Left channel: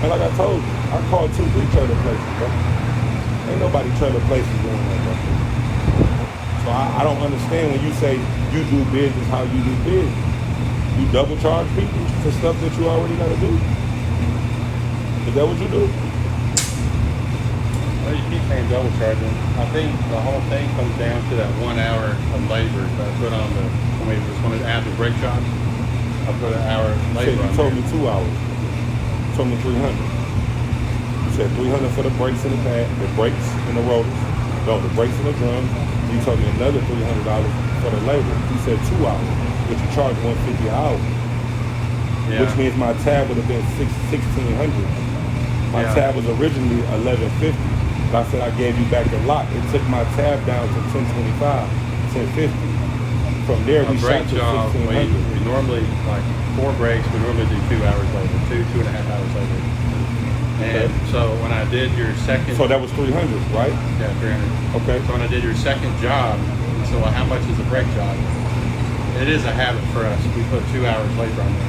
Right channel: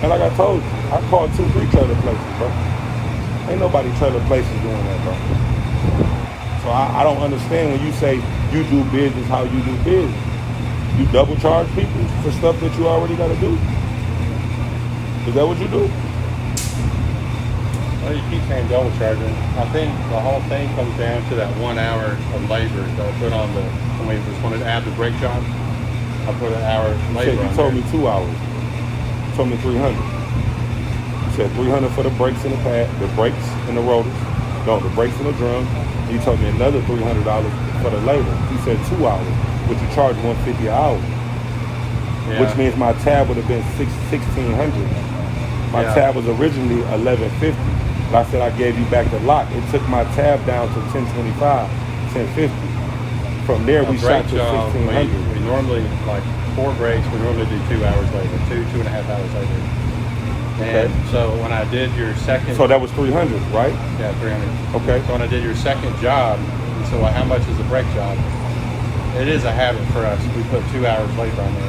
And like I told you, I called 2, 3 trailer places, bro. Ain't nobody trailer places doing that, bro. So I don't understand when you say you do business how you do business. You double charge people for stuff that you already gotta do. Is that what you do? Well, you keep saying double charging. I think the whole thing comes down to that 1 hour of labor that I put on the, I mean, just when I add the brake job, I put an hour of You said labor. you told me 2 hours. You told me 300. You said 300 for the brakes and the pad, the brakes and the rotors. No, the brakes and the drum. You told me another $300 for the labor. You said 2 hours, which you charge $150 an hour. Yeah. Which means my tab would have been $1,600. My tab was originally $1,150. But I said I gave you back the lot. It took my tab down to $1,025, $1,050. From there we shot to $1,600. We normally, like 4 brakes, we normally do 2 hours labor, 2.5 hours labor. Okay. And so when I did your second... So that was 300, right? Yeah, 300. Okay. So when I did your second job, so like how much is a brake job? It is a habit for us. We put 2 hours labor on there.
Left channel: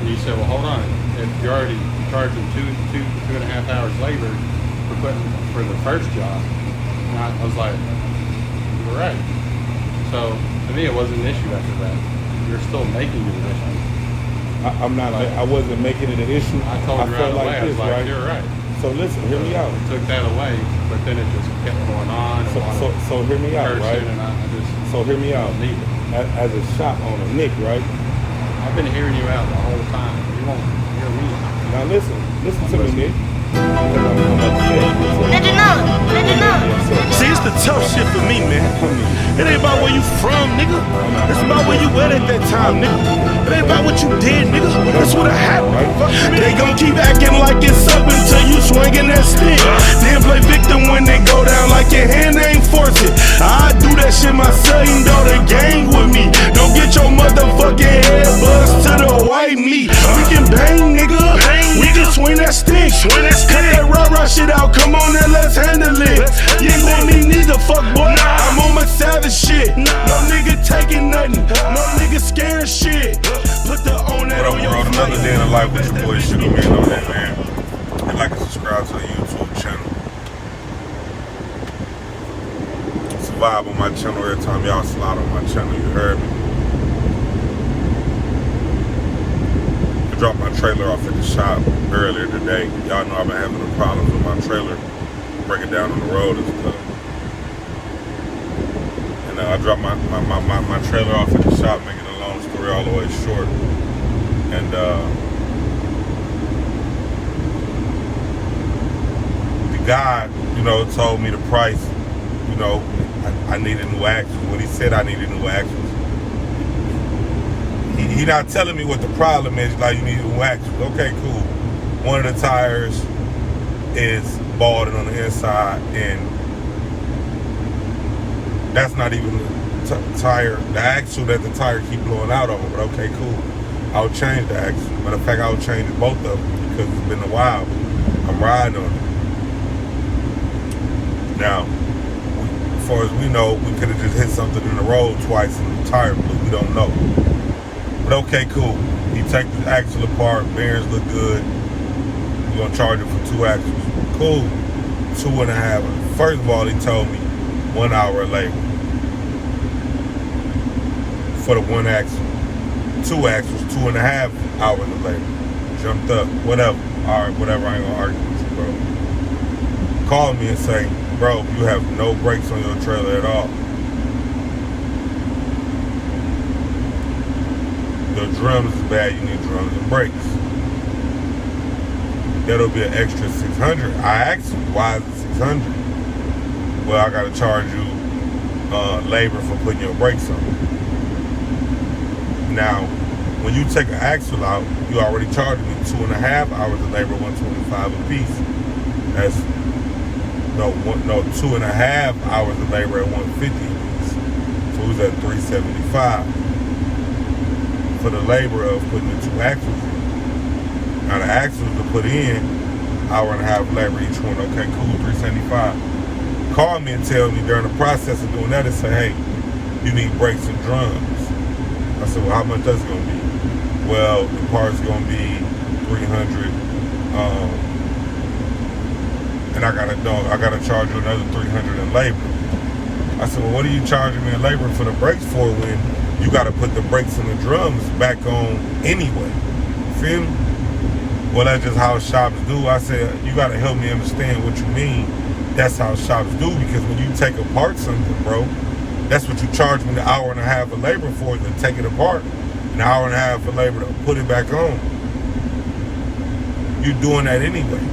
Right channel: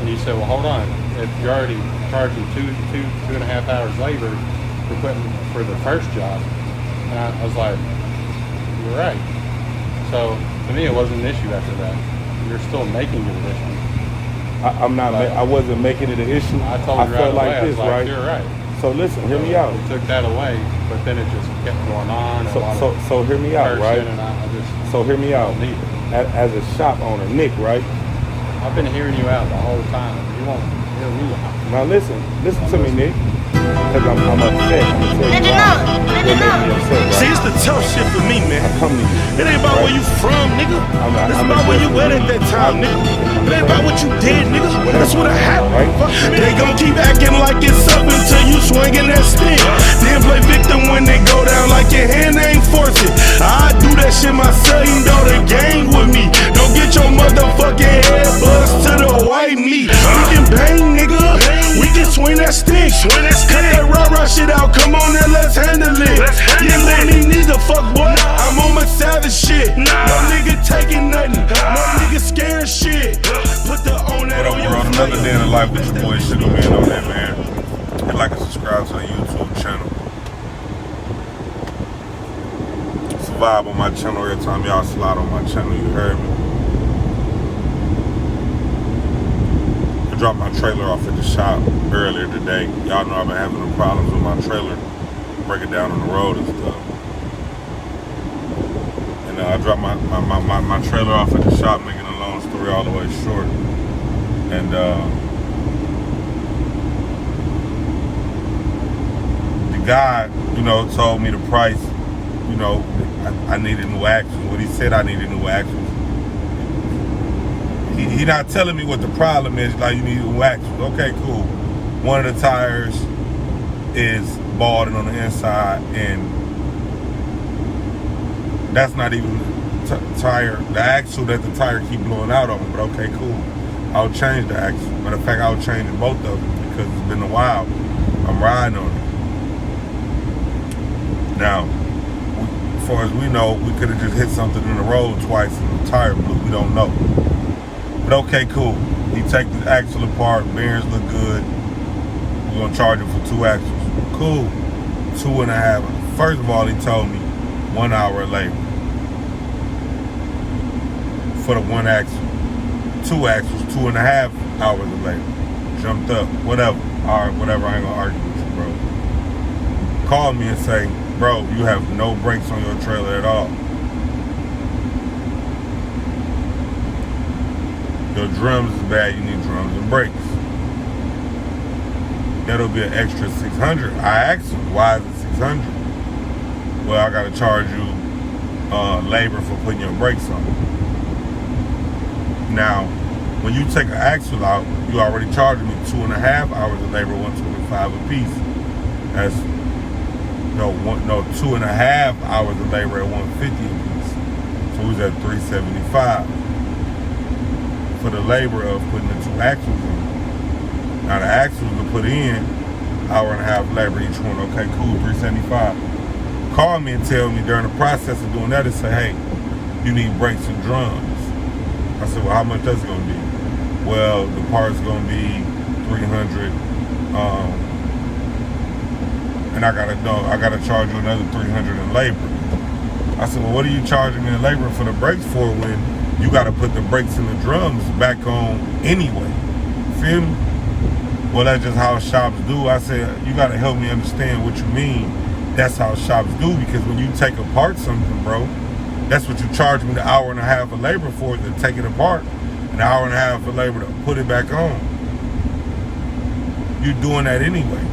And you said, well, hold on. If you're already charging 2.5 hours labor for the first job, and I was like, you're right. So to me, it wasn't an issue after that. You're still making it an issue. I'm not. I wasn't making it an issue. I felt like this, right? You're right. So listen, hear me out. We took that away, but then it just kept going on. So hear me out, right? So hear me out. As a shop owner, Nick, right? I've been hearing you out the whole time. You won't hear me. Now listen to me, Nick. I'm upset. Let it know. See, it's the tough shit for me, man. It ain't about where you from, nigga. It's about where you at that time, nigga. It ain't about what you did, nigga. That's what happened. They gon' keep acting like it's up until you swinging that stick. Then play victim when they go down like your hand ain't force it. I do that shit myself, you know the gang with me. Don't get your motherfucking head buzzed to the white meat. We can bang, nigga. We can swing that stick. Cut that rah-rah shit out. Come on and let's handle it. You ain't want me neither, fuck boy. I'm on my savage shit. No nigga taking nothing. No nigga scaring shit. Put the on that on your Another flyer. day in the life with your boy Shitty Man on that, man. And like and subscribe to the YouTube channel. Subscribe on my channel every time y'all slide on my channel, you heard me. I dropped my trailer off at the shop earlier today. Y'all know I've been having the problems with my trailer, breaking down on the road and stuff. And I dropped my trailer off at the shop, making a long story all the way short. And the guy, you know, told me the price. You know, I needed new axles. When he said I needed new axles, he not telling me what the problem is. Like, you need new axles. Okay, cool. One of the tires is balding on the inside, and that's not even the tire, the axle that the tire keep blowing out on. But okay, cool. I'll change the axle. Matter of fact, I'll change both of them because it's been a while. I'm riding on it. Now, as far as we know, we could have just hit something in the road twice and the tire blew. We don't know. But okay, cool. You take the axle apart, bearings look good. We're gonna charge it for 2 axles. Cool. 2.5. First of all, he told me 1 hour of labor for the 1 axle. 2 axles, 2.5 hours of labor. Jumped up, whatever. All right, whatever. I ain't gonna argue with you, bro. Call me and say, bro, you have no brakes on your trailer at all. Your drums is bad, you need drums and brakes. That'll be an extra $600. I asked him, why is it $600? Well, I gotta charge you labor for putting your brakes on. Now, when you take an axle out, you already charging me 2.5 hours of labor, $125 a piece. That's no 2.5 hours of labor at $150 a piece. So he's at $375 for the labor of putting the 2 axles in. Now the axles to put in, 1.5 labor each one. Okay, cool, $375. Call me and tell me during the process of doing that, and say, hey, you need brakes and drums. I said, well, how much that's gonna be? Well, the part's gonna be $300 And I gotta charge you another $300 in labor. I said, well, what are you charging me in labor for the brakes for when you gotta put the brakes and the drums back on anyway? Feel me? Well, that's just how shops do. I said, you gotta help me understand what you mean. That's how shops do, because when you take apart something, bro, that's what you charge me the hour and a half of labor for, to take it apart. An hour and a half of labor to put it back on. You're doing that anyway.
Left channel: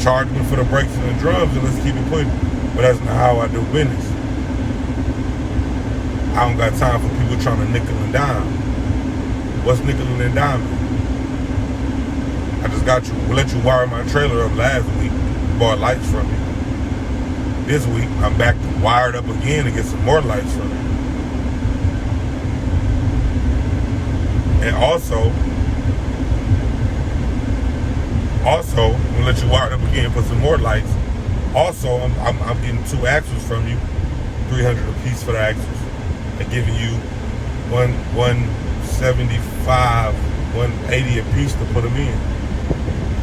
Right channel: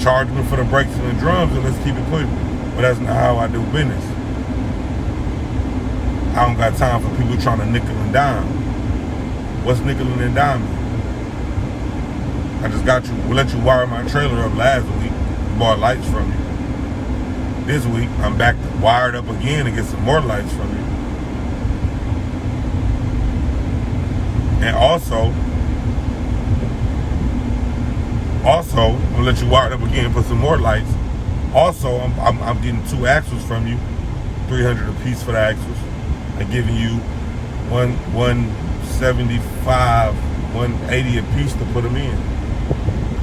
Charge me for the brakes and the drums and let's keep it pushing. But that's not how I do business. I don't got time for people trying to nickel and dime. What's nickel and diming? I just got you. We'll let you wire my trailer up last week. Bought lights from you. This week, I'm back wired up again to get some more lights from you. And also, we'll let you wire up again, put some more lights. Also, I'm getting 2 axles from you, $300 a piece for the axles. I'm giving you $175, $180 a piece to put them in.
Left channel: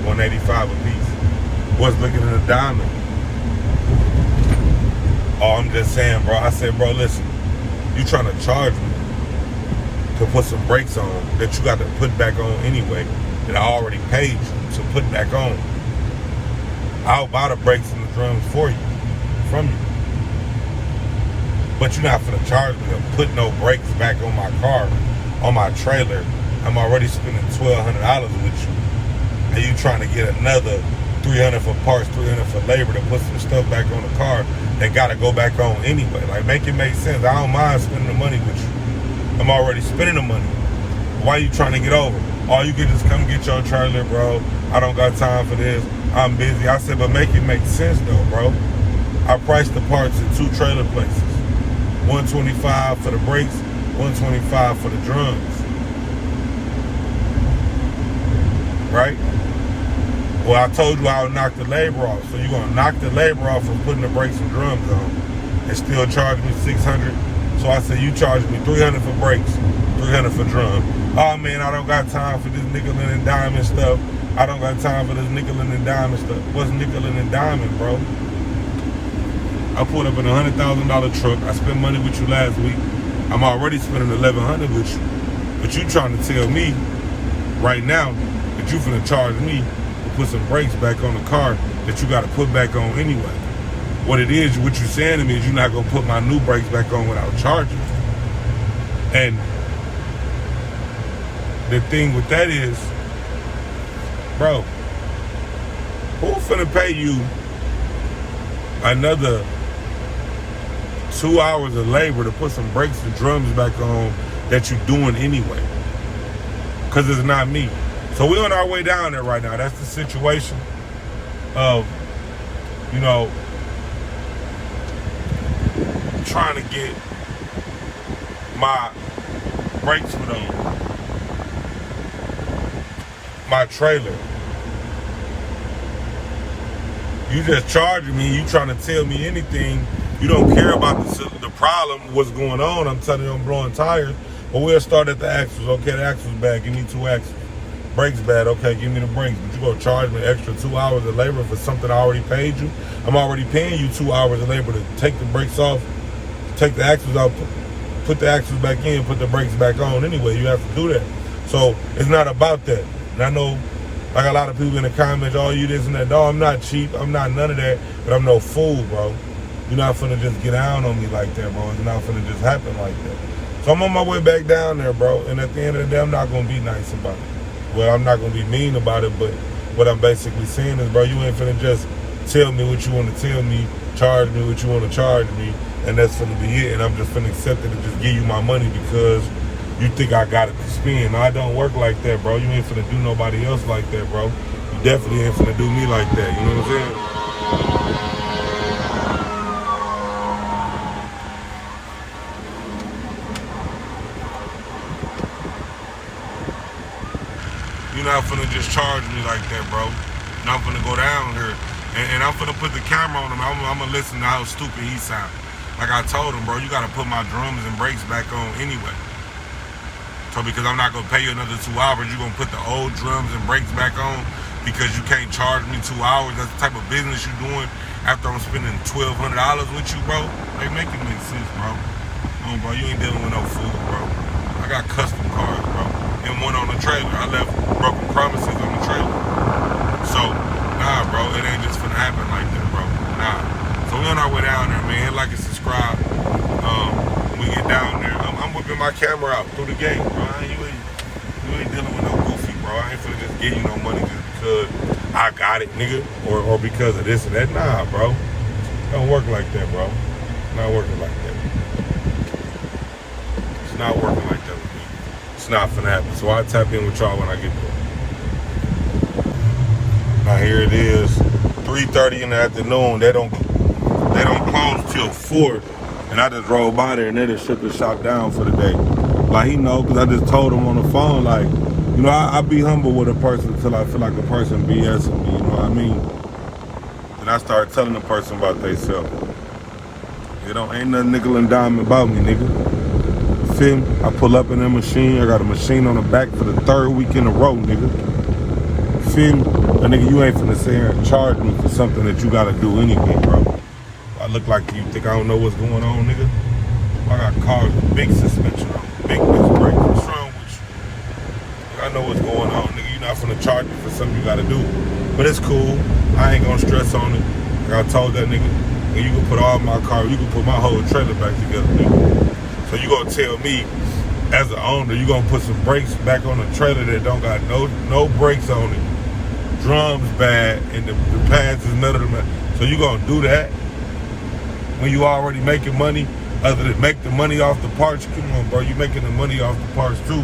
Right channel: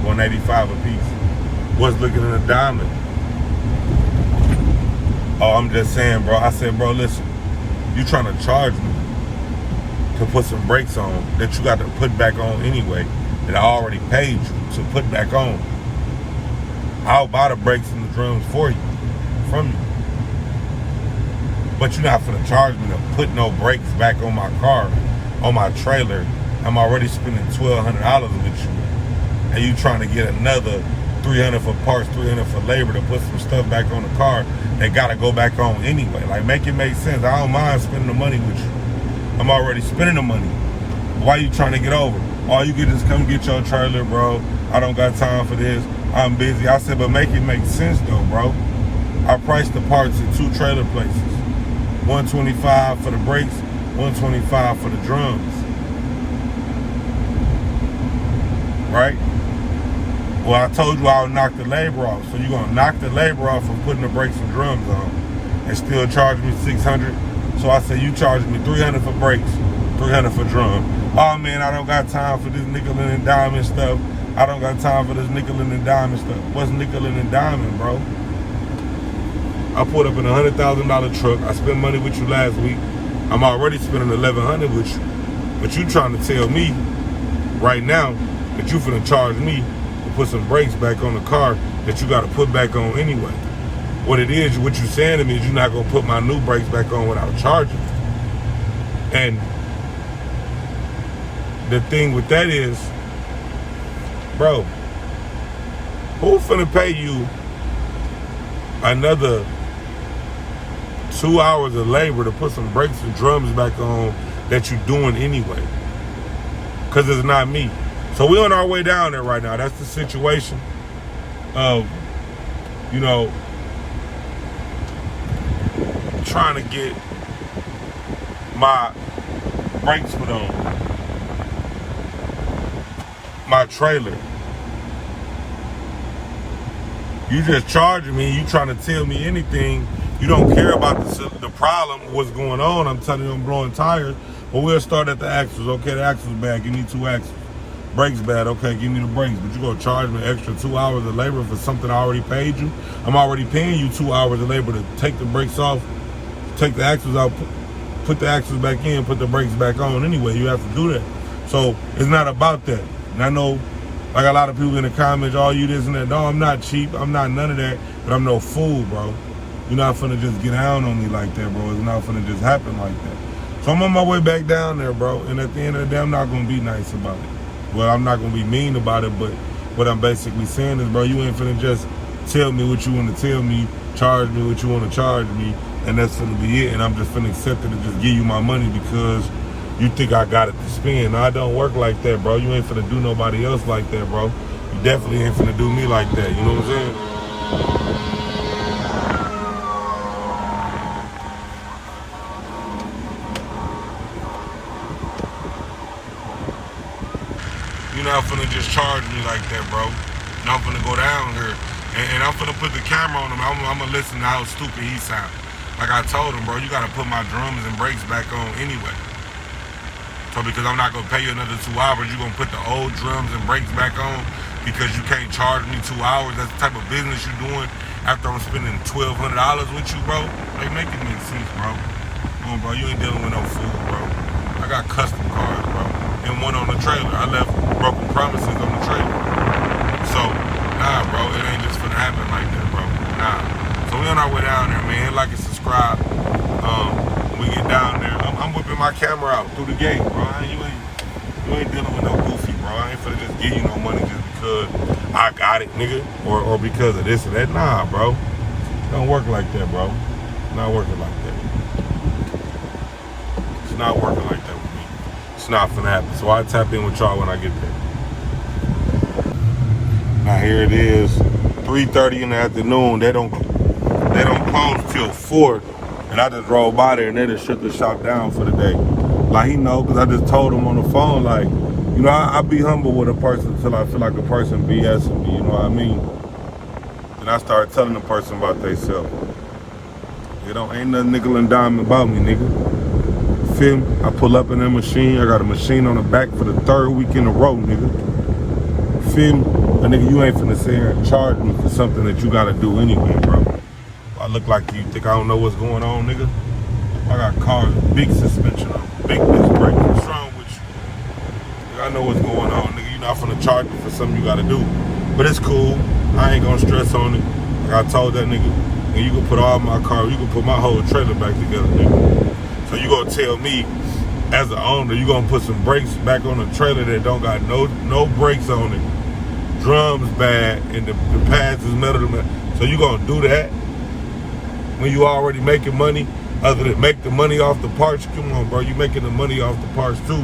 $185 a piece. What's looking in a diamond? Oh, I'm just saying, bro. I said, bro, listen, you trying to charge me to put some brakes on that you got to put back on anyway, that I already paid you to put back on. I'll buy the brakes and the drums for you, from you. But you're not gonna charge me to put no brakes back on my car, on my trailer. I'm already spending $1,200 with you. And you trying to get another $300 for parts, $300 for labor to put some stuff back on the car that gotta go back on anyway. Like, make it make sense. I don't mind spending the money with you. I'm already spending the money. Why you trying to get over? All you get is come get your trailer, bro. I don't got time for this. I'm busy. I said, but make it make sense though, bro. I priced the parts at 2 trailer places. $125 for the brakes, $125 for the drums. Right? Well, I told you I'll knock the labor off. So you're gonna knock the labor off from putting the brakes and drums on and still charge me $600. So I said, you charge me $300 for brakes, $300 for drums. Oh man, I don't got time for this nickel and diamond stuff. I don't got time for this nickel and diamond stuff. What's nickel and diamond, bro? I pulled up in a $100,000 truck. I spent money with you last week. I'm already spending $1,100 with you. But you trying to tell me right now that you finna charge me to put some brakes back on the car that you gotta put back on anyway. What it is, what you're saying to me is you're not gonna put my new brakes back on without charging. And the thing with that is, bro, who finna pay you another 2 hours of labor to put some brakes and drums back on that you're doing anyway? Because it's not me. So we're on our way down there right now. That's the situation of, you know, trying to get my brakes put on my trailer. You just charging me. You trying to tell me anything. You don't care about the problem, what's going on. I'm telling you, I'm blowing tires. But we'll start at the axles. Okay, the axles bad. Give me 2 axles. Brakes bad. Okay, give me the brakes. But you gonna charge me extra 2 hours of labor for something I already paid you? I'm already paying you 2 hours of labor to take the brakes off, take the axles out, put the axles back in, put the brakes back on. Anyway, you have to do that. So it's not about that. And I know, like a lot of people in the comments, oh, you this and that. No, I'm not cheap. I'm not none of that. But I'm no fool, bro. You're not finna just get down on me like that, bro. It's not finna just happen like that. So I'm on my way back down there, bro. And at the end of the day, I'm not gonna be nice about it. Well, I'm not gonna be mean about it, but what I'm basically saying is, bro, you ain't finna just tell me what you wanna tell me, charge me what you wanna charge me, and that's finna be it. And I'm just finna accept it and just give you my money because you think I got it to spend. No, I don't work like that, bro. You ain't finna do nobody else like that, bro. You definitely ain't finna do me like that. You know what I'm saying? You're not finna just charge me like that, bro. And I'm finna go down here. And I'm finna put the camera on him. I'm gonna listen to how stupid he sounds. Like I told him, bro, you gotta put my drums and brakes back on anyway. So because I'm not gonna pay you another 2 hours, you're gonna put the old drums and brakes back on because you can't charge me 2 hours. That's the type of business you're doing after I'm spending $1,200 with you, bro. They make it make sense, bro. Come on, bro, you ain't dealing with no food, bro. I got custom cars, bro. And one on the trailer. I left broken promises on the trailer. So, nah, bro, it ain't just finna happen like that, bro. Nah. So we on our way down there, man. Hit like and subscribe. When we get down there, I'm whipping my camera out through the gate, bro. You ain't dealing with no goofy, bro. I ain't finna just give you no money just because I got it, nigga, or because of this or that. Nah, bro. Don't work like that, bro. Not working like that. It's not working like that with me. It's not finna happen. So I'll tap in with y'all when I get there. Now here it is, 3:30 in the afternoon. They don't close till 4. And I just rolled by there and they just shut the shop down for the day. Like, he know, because I just told him on the phone, like, you know, I be humble with a person until I feel like a person BSing me, you know what I mean? And I started telling the person about themselves. Ain't nothing nickel and dime about me, nigga. Feel me? I pull up in that machine. I got a machine on the back for the 3rd week in a row, nigga. Feel me? But nigga, you ain't finna sit here and charge me for something that you gotta do anyway, bro. I look like you think I don't know what's going on, nigga. I got cars with big suspension on, big disc brake. What's wrong with you? I know what's going on, nigga. You're not finna charge me for something you gotta do. But it's cool. I ain't gonna stress on it. Like I told that nigga, and you can put all my cars, you can put my whole trailer back together, nigga. So you gonna tell me, as an owner, you gonna put some brakes back on a trailer that don't got no brakes on it. Drums bad, and the pads is metal to metal. So you gonna do that when you already making money, other than make the money off the parts? Come on, bro, you making the money off the parts too.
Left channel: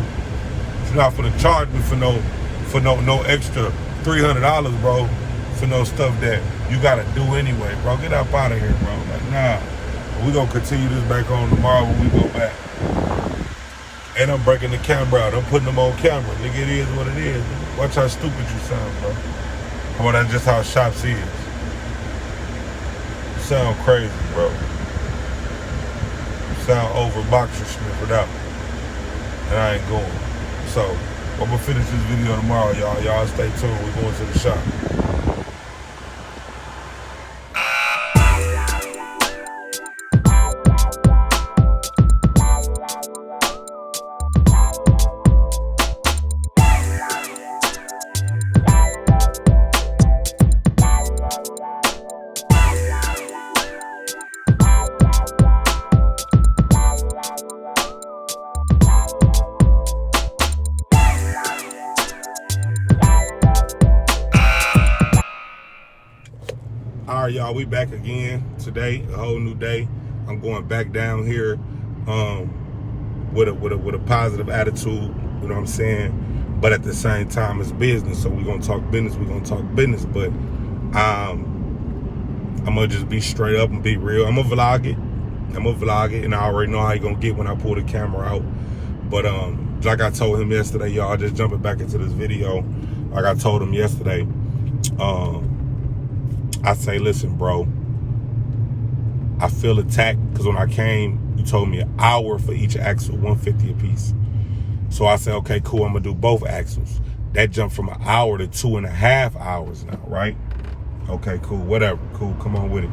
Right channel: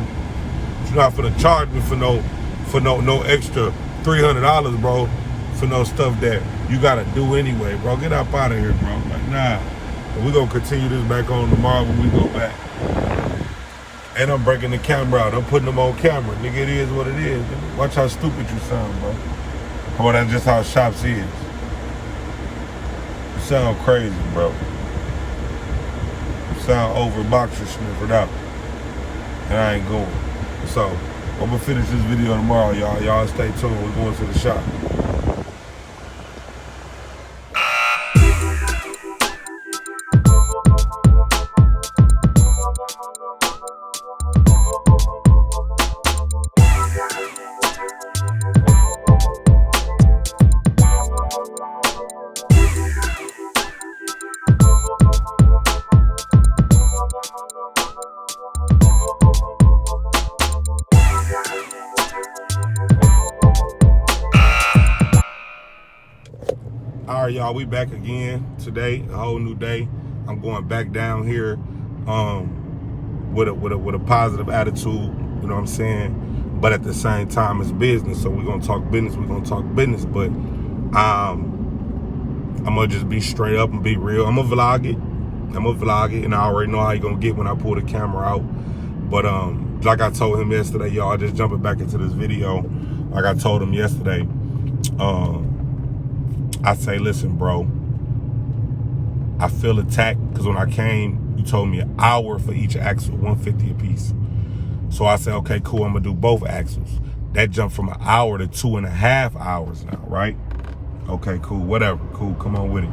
You're not gonna charge me for no extra $300, bro, for no stuff that you gotta do anyway, bro. Get up out of here, bro. Like, nah. But we gonna continue this back on tomorrow when we go back. And I'm breaking the camera out. I'm putting them on camera. Nigga, it is what it is. Watch how stupid you sound, bro. Come on, that's just how shops is. You sound crazy, bro. You sound over boxer sniffered out. And I ain't going. So, I'm gonna finish this video tomorrow, y'all. Y'all stay tuned. We're going to the shop. All right, y'all, we back again today, a whole new day. I'm going back down here with a positive attitude, you know what I'm saying? But at the same time, it's business, so we're gonna talk business, but I'm gonna just be straight up and be real. I'm gonna vlog it, and I already know how you gonna get when I pull the camera out. But like I told him yesterday, y'all, just jumping back into this video, like I told him yesterday, I say, listen, bro, I feel attacked because when I came, you told me an hour for each axle, $150 a piece. So I said, okay, cool, I'm gonna do both axles. That jumped from an hour to 2.5 hours now, right? Okay, cool, whatever, cool, come on with it.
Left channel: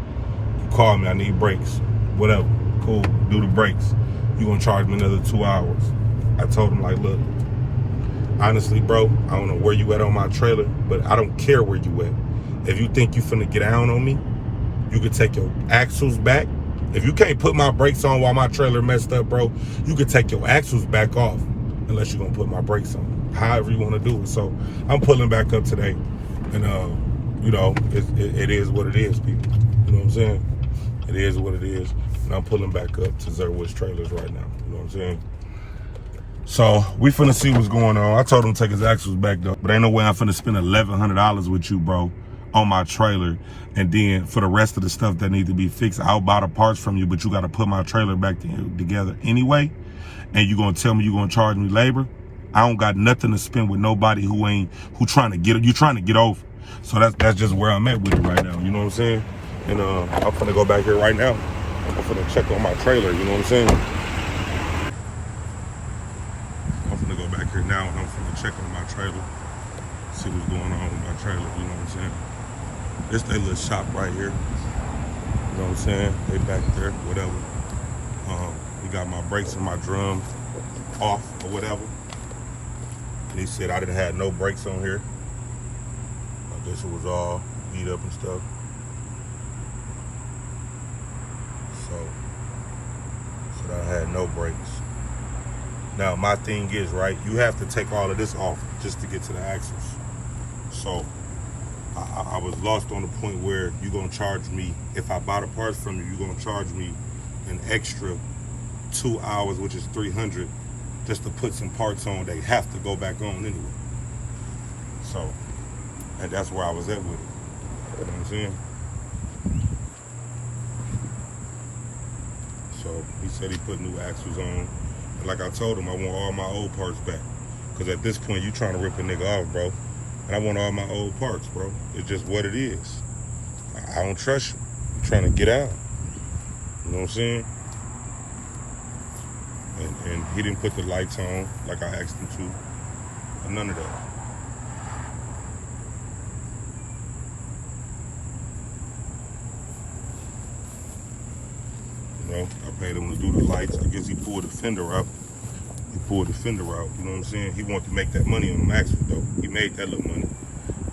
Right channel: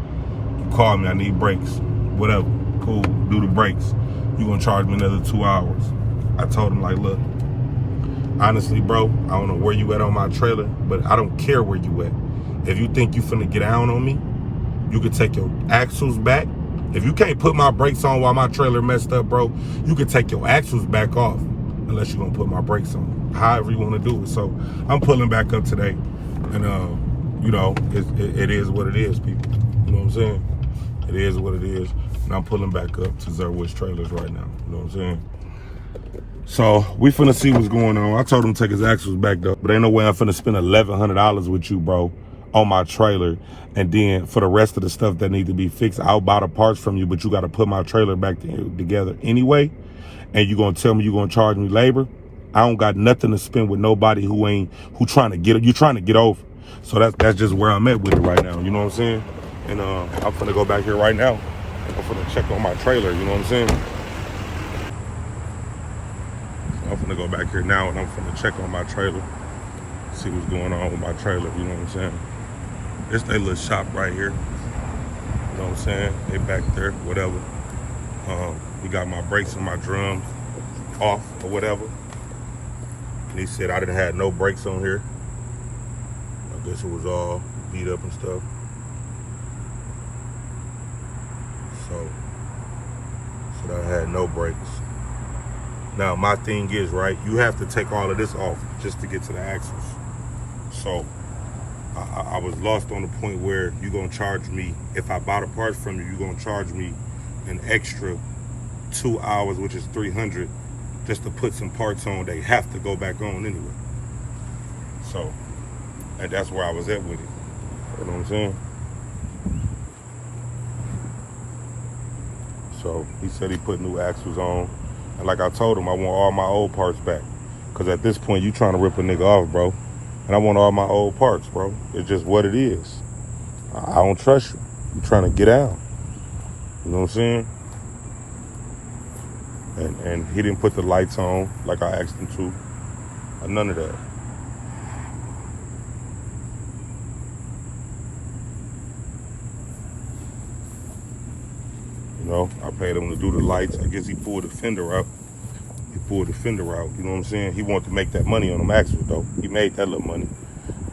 You call me, I need brakes, whatever, cool, do the brakes. You gonna charge me another 2 hours. I told him, like, look, honestly, bro, I don't know where you at on my trailer, but I don't care where you at. If you think you finna get down on me, you could take your axles back. If you can't put my brakes on while my trailer messed up, bro, you could take your axles back off unless you're gonna put my brakes on, however you wanna do it. So I'm pulling back up today, and you know, it is what it is, people. You know what I'm saying? It is what it is. And I'm pulling back up to Zerwood's trailers right now. You know what I'm saying? So we finna see what's going on. I told him to take his axles back though, but ain't no way I'm finna spend $1,100 with you, bro, on my trailer, and then for the rest of the stuff that need to be fixed, I'll buy the parts from you, but you got to put my trailer back together anyway, and you gonna tell me you gonna charge me labor? I don't got nothing to spend with nobody who trying to get over. So that's just where I'm at with it right now. You know what I'm saying? And I'm finna go back here right now. I'm finna check on my trailer. You know what I'm saying? I'm finna go back here now and I'm finna check on my trailer. See what's going on with my trailer, you know what I'm saying? This they little shop right here. You know what I'm saying? They back there, whatever. He got my brakes and my drums off or whatever. And he said I didn't have no brakes on here. I guess it was all beat up and stuff. So I had no brakes. Now my thing is, right, you have to take all of this off just to get to the axles. So I was lost on the point where you're gonna charge me, if I buy the parts from you, you're gonna charge me an extra 2 hours, which is $300, just to put some parts on. They have to go back on anyway. So, and that's where I was at with it. You know what I'm saying? So he said he put new axles on. And like I told him, I want all my old parts back. Cause at this point, you trying to rip a nigga off, bro. And I want all my old parts, bro. It's just what it is. I don't trust you. You're trying to get out. You know what I'm saying? And he didn't put the lights on like I asked him to. Or none of that. You know, I paid him to do the lights. I guess he pulled the fender out. You know what I'm saying? He wanted to make that money on them axles, though. He made that little money.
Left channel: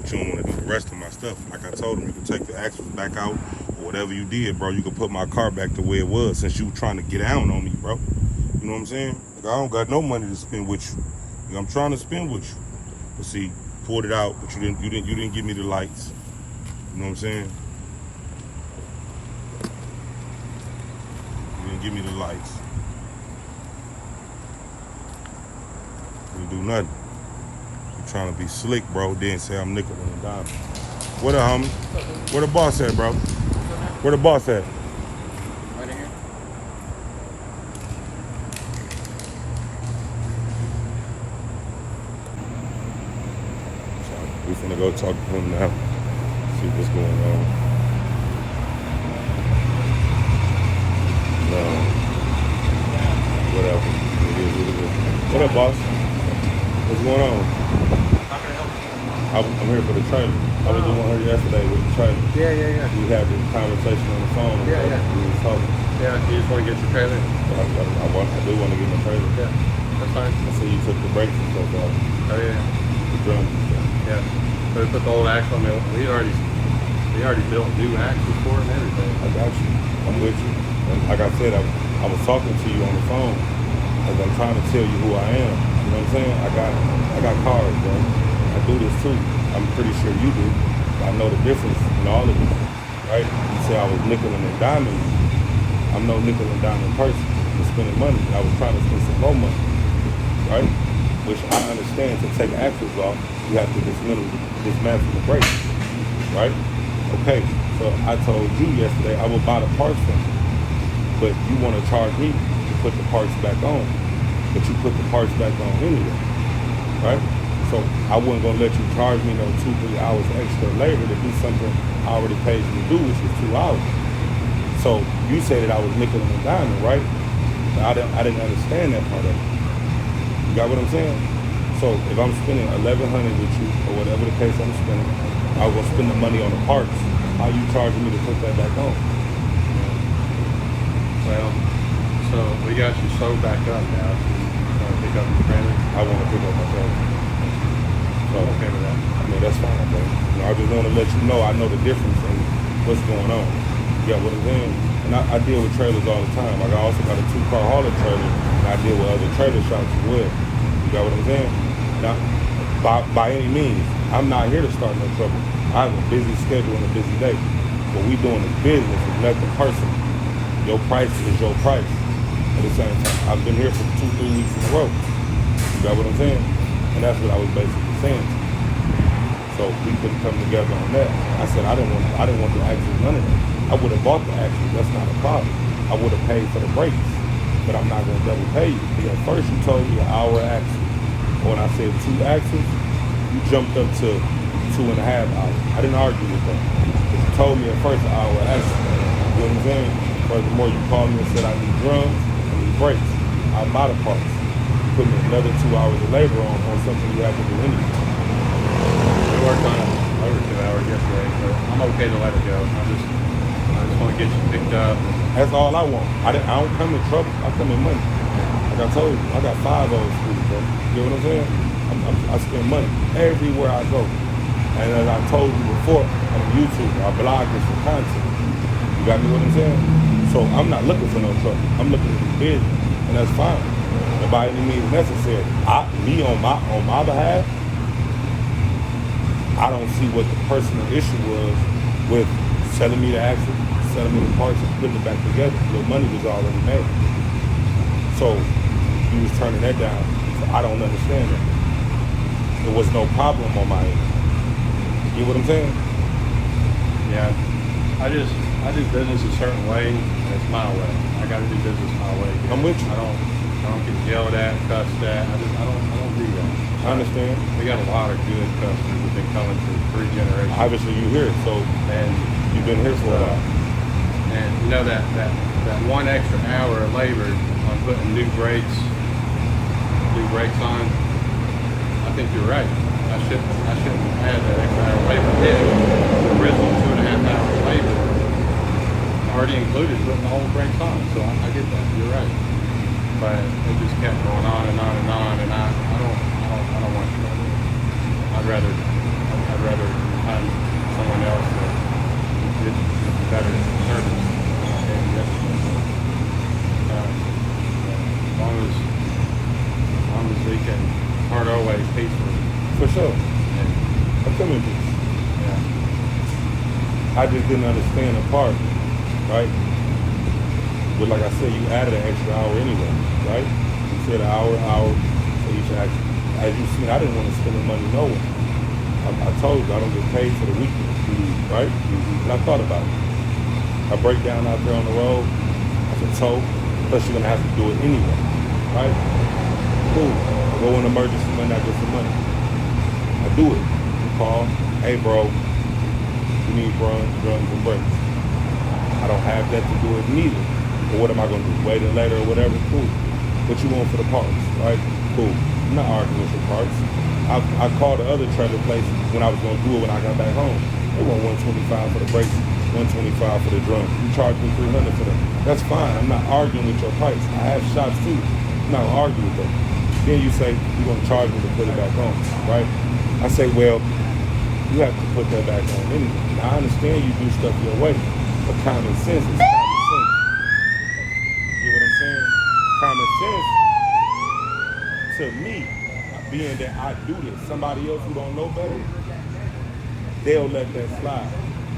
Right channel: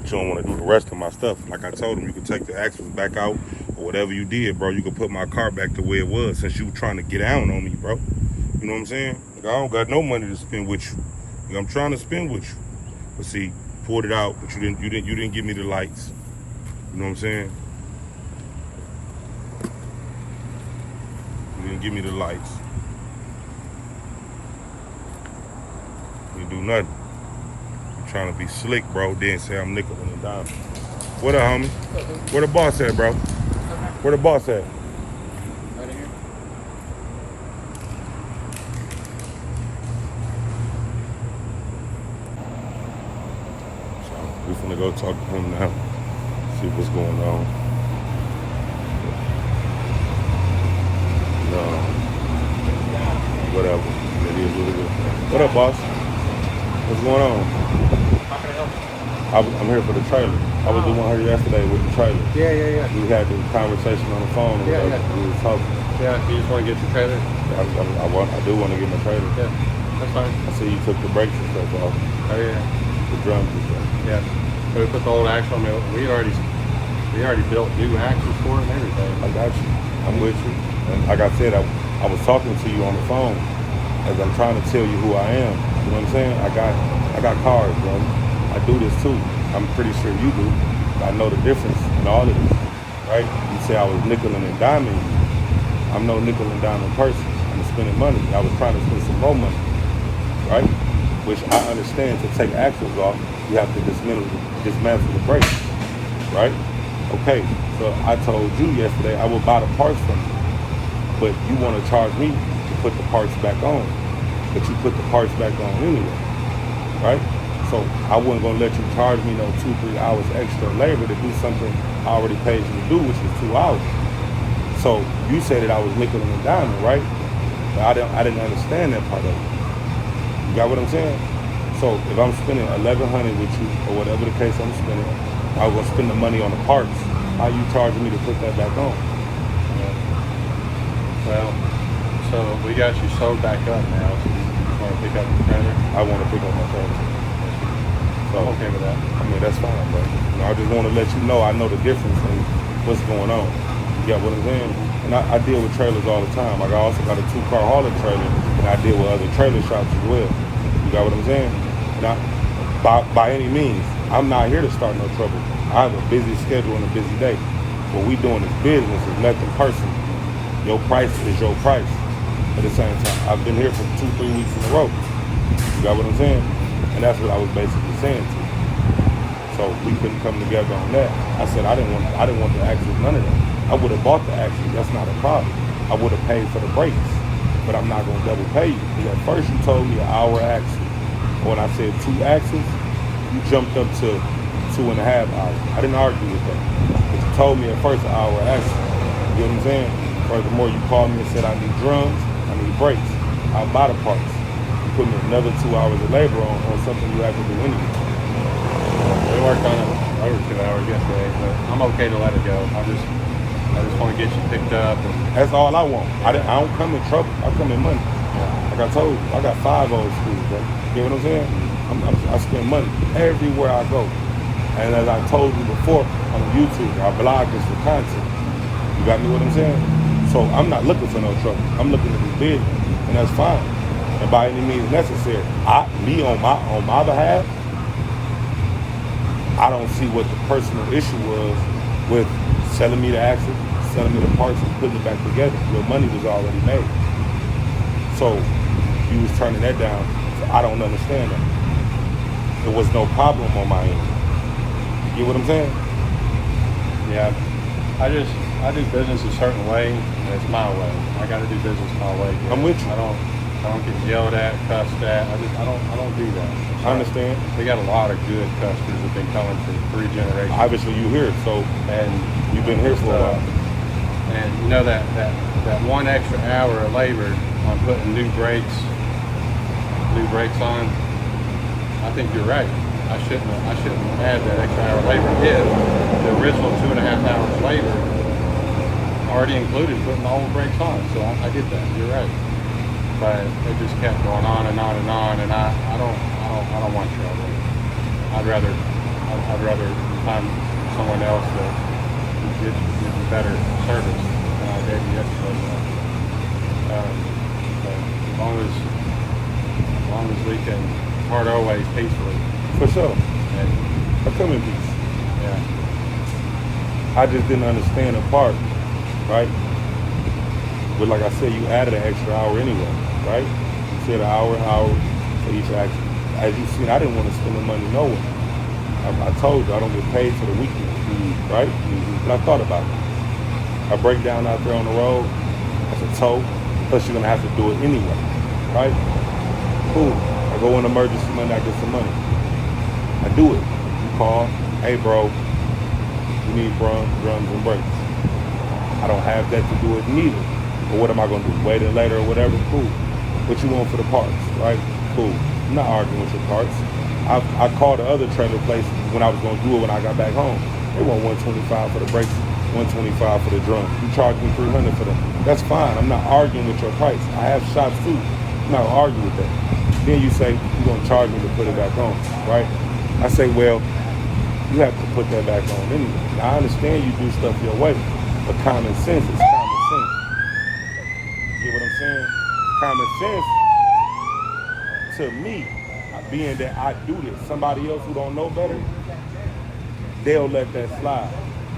But you don't want to do the rest of my stuff. Like I told him, you can take the axles back out, or whatever you did, bro. You can put my car back the way it was, since you were trying to get down on me, bro. You know what I'm saying? Like, I don't got no money to spend with you. Like, I'm trying to spend with you. But see, pulled it out, but you didn't give me the lights. You know what I'm saying? You didn't give me the lights. You do nothing. I'm trying to be slick, bro. Then say I'm nickel and dime. What up, homie? Where the boss at, bro? Where the boss at? Right in here. So we finna go talk to him now. See what's going on. No. Whatever. It is what it is. What up, boss? What's going on? I'm here for the trailer. I was the one here yesterday with the trailer. Yeah. We had this conversation on the phone. And Yeah. We were talking. Yeah, you just want to get the trailer? I do want to get in the trailer. Yeah, that's fine. I see you took the brakes and stuff off. Oh, yeah. The drums and stuff. Yeah. We put the old axle on there. We already built new axles for it and everything. I got you. I'm with you. And like I said, I was talking to you on the phone as I'm trying to tell you who I am. You know what I'm saying? I got cars, bro. I do this too. I'm pretty sure you do. I know the difference in all of this, right? You say I was nickel and diming you. I'm no nickel and diamond person. I'm spending money. I was trying to spend some more money, right? Which I understand, to take axles off, you have to dismantle the brakes, right? Okay, so I told you yesterday I would buy the parts from you, but you want to charge me to put the parts back on, but you put the parts back on anyway, right? So I wasn't gonna let you charge me no 2-3 hours extra labor to do something I already paid you to do, which is 2 hours. So you said that I was nickel and diamond, right? But I didn't understand that part of it. You got what I'm saying? So if I'm spending $1,100 with you, or whatever the case I'm spending, I was gonna spend the money on the parts. How you charging me to put that back on? Well, so we got you sold back up now. So you want to pick up your trailer? I want to pick up my trailer. So, I'm okay with that. I mean, that's fine, bro. You know, I just want to let you know I know the difference in what's going on. You got what I'm saying? And I deal with trailers all the time. Like, I also got a 2-car hauler trailer, and I deal with other trailer shops as well. You got what I'm saying? And by any means, I'm not here to start no trouble. I have a busy schedule and a busy day. What we doing is business, is nothing personal. Your price is your price. At the same time, I've been here for 2-3 weeks in a row. You got what I'm saying? And that's what I was basically saying to you. So we couldn't come together on that. I said I didn't want the axles, none of that. I would have bought the axles, that's not a problem. I would have paid for the brakes, but I'm not gonna double pay you. Because at first you told me an hour axle. When I said 2 axles, you jumped up to 2.5 hours. I didn't argue with that. But you told me at first an hour axle. You know what I'm saying? Furthermore, you called me and said I need drums, I need brakes. I'll buy the parts. put me another 2 hours of labor on something you have to do anyway. We worked on it over 2 hours yesterday, but I'm okay to let it go. I just want to get you picked up. That's all I want. I don't come in trouble. I come in money. Like I told you, I got 5 old schools, bro. You know what I'm saying? I spend money everywhere I go. And as I told you before, on YouTube, I blog just for content. You got me what I'm saying? So I'm not looking for no trouble. I'm looking to do business, and that's fine. And by any means necessary, me on my behalf, I don't see what the personal issue was with selling me the axle, selling me the parts, and putting it back together. Your money was already made. So you was turning that down. So I don't understand that. There was no problem on my end. You know what I'm saying? Yeah, I do business a certain way. That's my way. I got to do business my way. I'm with you. I don't get yelled at, cussed at. I don't do that. I understand. We got a lot of good customers that have been coming through 3 generations. Obviously you here, so And you've been here for a while. And you know that 1 extra hour of labor on putting new brakes on, I think you're right. I shouldn't add that extra hour of labor if the original 2.5 hours of labor already included putting all the brakes on. So I get that. You're right. But it just kept going on and on and on, and I don't want trouble. I'd rather find someone else that gives better service and just as long as we can part our ways peacefully. For sure. And, I'm coming to you. yeah. I just didn't understand the part, right? But like I said, you added an extra hour anyway, right? You said an hour for each action. As you see, I didn't want to spend the money nowhere. I told you I don't get paid for the weekend, right? And I thought about it. I break down out there on the road. That's a tow. Plus you're gonna have to do it anyway, right? Cool. I go in emergency money, I get some money. I do it. You call, hey bro, you need drums and brakes. I don't have that to do it neither. But what am I gonna do? Wait it later or whatever? Cool. What you want for the parts, right? Cool. I'm not arguing with your parts. I called the other trailer place when I was gonna do it when I got back home. They want $125 for the brakes, $125 for the drums. You charge me $300 for that. That's fine. I'm not arguing with your price. I have shops too. I'm not arguing with that. Then you say you're gonna charge me to put it back on, right? I say, well, you have to put that back on anyway. Now, I understand you do stuff your way, but common sense is common sense. You know what I'm saying? Common sense to me, being that I do this, somebody else who don't know better, they'll let that slide.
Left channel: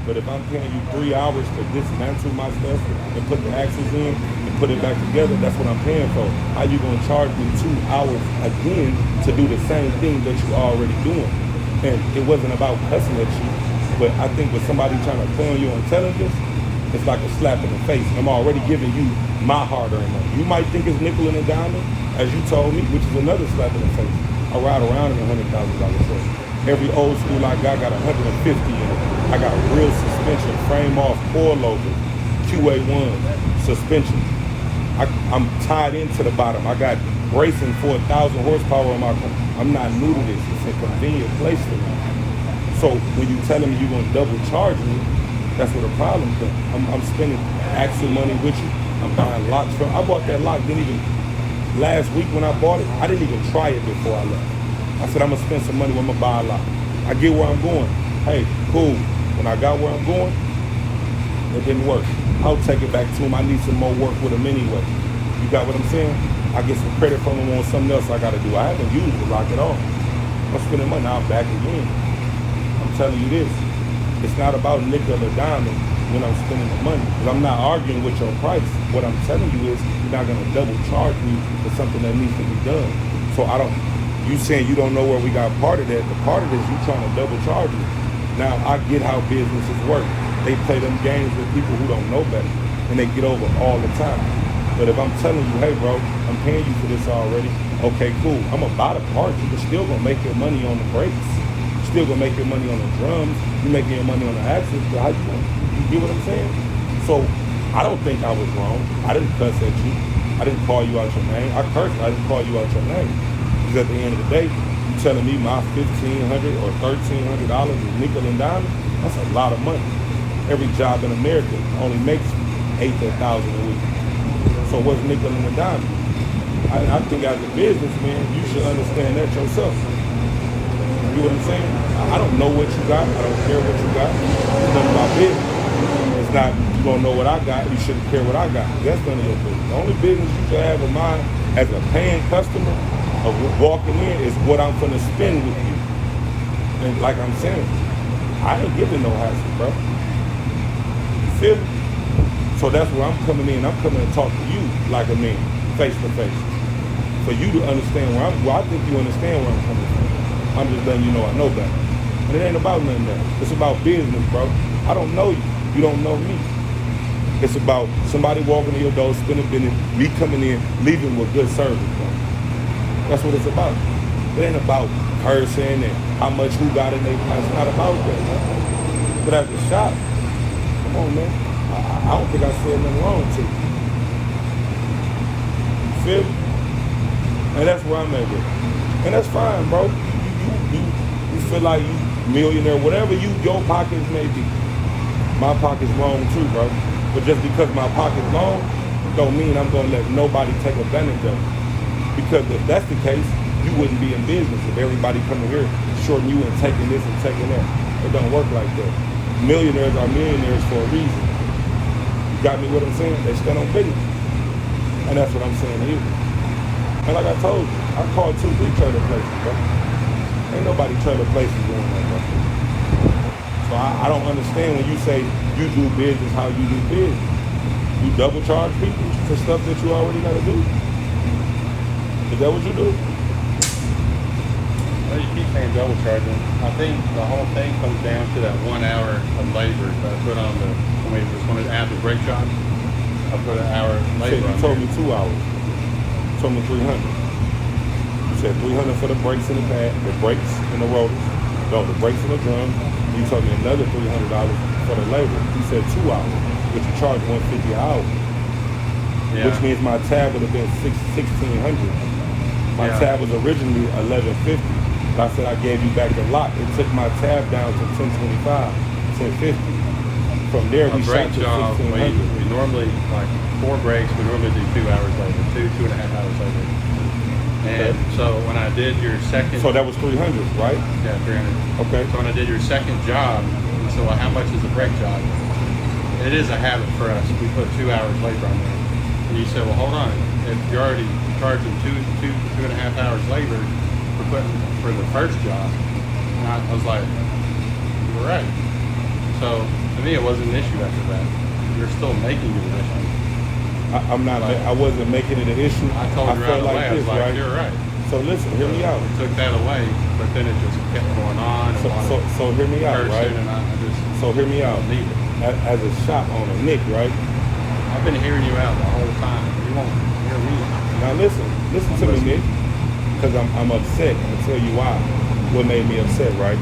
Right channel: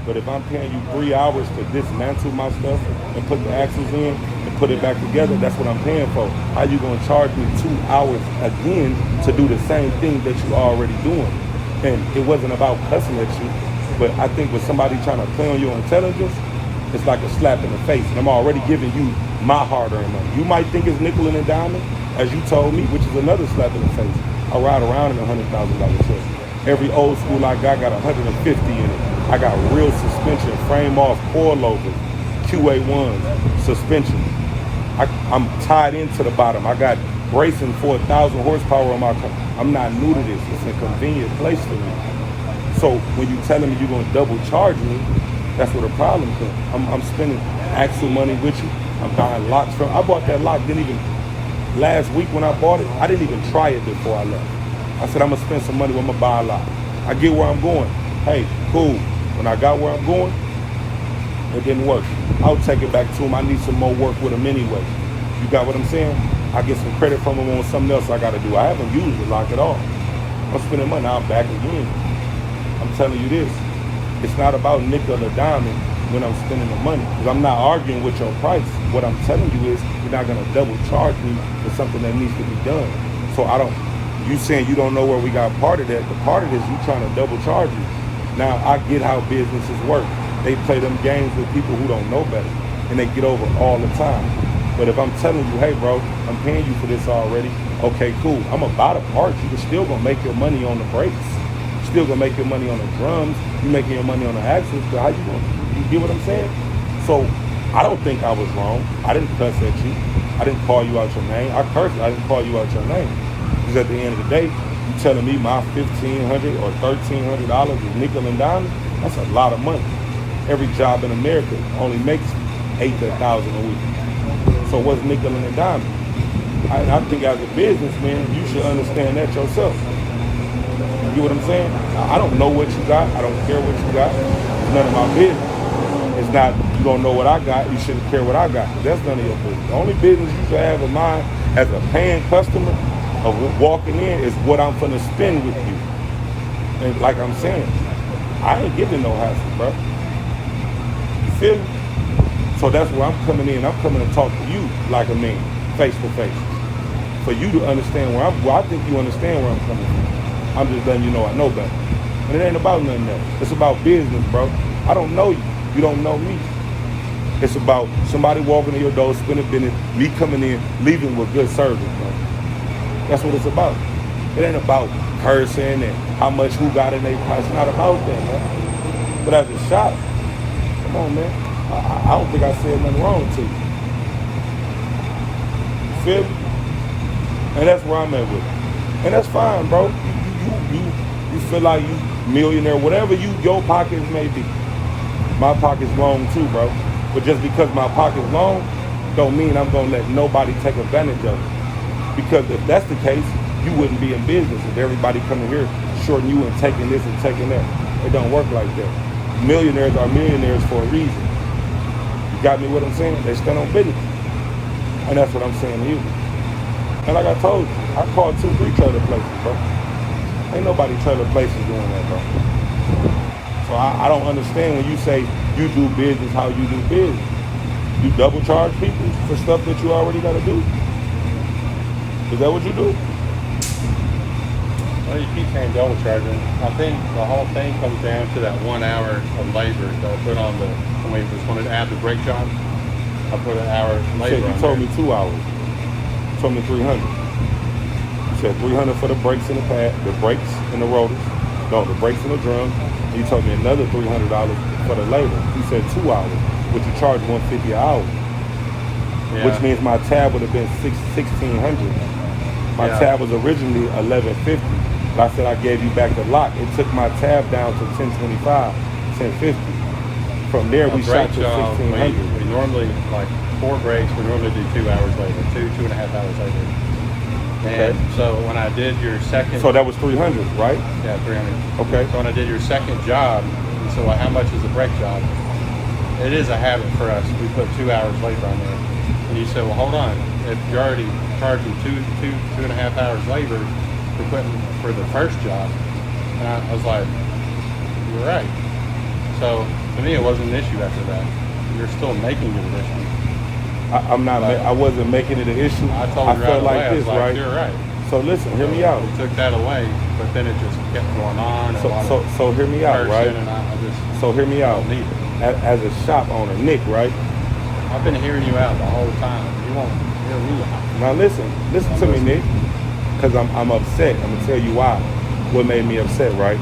But if I'm paying you 3 hours to dismantle my stuff and put the axles in and put it back together, that's what I'm paying for. How you gonna charge me 2 hours again to do the same thing that you already doing? And it wasn't about cussing at you, but I think with somebody trying to play on your intelligence, it's like a slap in the face. I'm already giving you my hard-earned money. You might think it's nickel and diamond, as you told me, which is another slap in the face. I ride around in a $100,000 truck. Every old school I got 150 in it. I got real suspension, frame off, coilovers, 2A1 suspension. I'm tied into the bottom. I got bracing for 1,000 horsepower on my car. I'm not new to this. It's a convenient place for me. So when you telling me you're gonna double charge me, that's where the problem comes. I'm spending actual money with you. I'm buying locks from. I bought that lock. Last week when I bought it, I didn't even try it before I left. I said I'm gonna spend some money. I'm gonna buy a lock. I get where I'm going. Hey, cool. When I got where I'm going, it didn't work. I'll take it back to him. I need some more work with him anyway. You got what I'm saying? I get some credit from him on something else I gotta do. I haven't used the lock at all. I'm spending money. Now I'm back again. I'm telling you this. It's not about nickel or diamond when I'm spending the money. Because I'm not arguing with your price. What I'm telling you is you're not gonna double charge me for something that needs to be done. So you saying you don't know where we got part of that. The part of it is you trying to double charge me. Now I get how businesses work. They play them games with people who don't know better. And they get over all the time. But if I'm telling you, hey bro, I'm paying you for this already. Okay, cool. I'm gonna buy the parts. You're still gonna make your money on the brakes. You're still gonna make your money on the drums. You're making your money on the axles. So how you get what I'm saying? So I don't think I was wrong. I didn't cuss at you. I didn't call you out your name. I cursed. I didn't call you out your name. Because at the end of the day, you telling me my $1,500 or $1,300 is nickel and diamond. That's a lot of money. Every job in America only makes $8,000 a week. So what's nickel and diamond? I think as a businessman, you should understand that yourself. You know what I'm saying? I don't know what you got. I don't care what you got. It's none of my business. It's not, you don't know what I got, you shouldn't care what I got. That's none of your business. The only business you should have in mind as a paying customer of walking in is what I'm going to spend with you. And like I'm saying, I ain't giving no hassle, bro. You feel me? So that's where I'm coming in. I'm coming to talk to you like a man, face to face. For you to understand I think you understand where I'm coming from. I'm just letting you know I know better. And it ain't about nothing else. It's about business, bro. I don't know you. You don't know me. It's about somebody walking in your door, spending business, me coming in, leaving with good service, bro. That's what it's about. It ain't about cursing and how much who got in their pocket. It's not about that, man. But as a shop, come on, man. I don't think I said nothing wrong to you. You feel me? And that's where I'm at with it. And that's fine, bro. You feel like you millionaire, whatever your pockets may be. My pocket's long too, bro. But just because my pocket's long, don't mean I'm gonna let nobody take advantage of it. Because if that's the case, you wouldn't be in business if everybody coming here shorting you and taking this and taking that. It don't work like that. Millionaires are millionaires for a reason. You got me what I'm saying? They stand on business. And that's what I'm saying to you. And like I told you, I called 2-3 trailer places, bro. Ain't nobody trailer places doing that, bro. So I don't understand when you say you do business how you do business. You double charge people for stuff that you already gotta do. Is that what you do? Well, you keep saying double charging. I think the whole thing comes down to that 1 hour of labor that I put on when I add the brake job. I put an hour of labor. You told me 2 hours. You told me 300. You said 300 for the brakes and the pad, the brakes and the rotors. No, the brakes and the drum. You told me another $300 for the labor. You said 2 hours, which you charge $150 an hour. Yeah. Which means my tab would have been $1,600. My tab was originally $1,150. But I said I gave you back a lot. It took my tab down to $1,025, $1,050. From there we shot to $1,600. We normally, like 4 breaks, we normally do 2 hours later, 2.5 hours later. Okay. And so when I did your second... So that was 300, right? Yeah, 300. Okay. So when I did your second job, so like how much is a brake job? It is a habit for us. We put 2 hours labor on it. And you said, well, hold on. If you're already charging 2.5 hours labor for the first job, and I was like, you're right. So to me, it wasn't an issue after that. You're still making it an issue. I wasn't making it an issue. I felt like this, right? You're right. So listen, hear me out. We took that away, but then it just kept going on. So hear me out, right? So hear me out. As a shop owner, Nick, right? I've been hearing you out the whole time. You won't hear me. Now listen to me, Nick, because I'm upset. I'm gonna tell you why. What made me upset, right?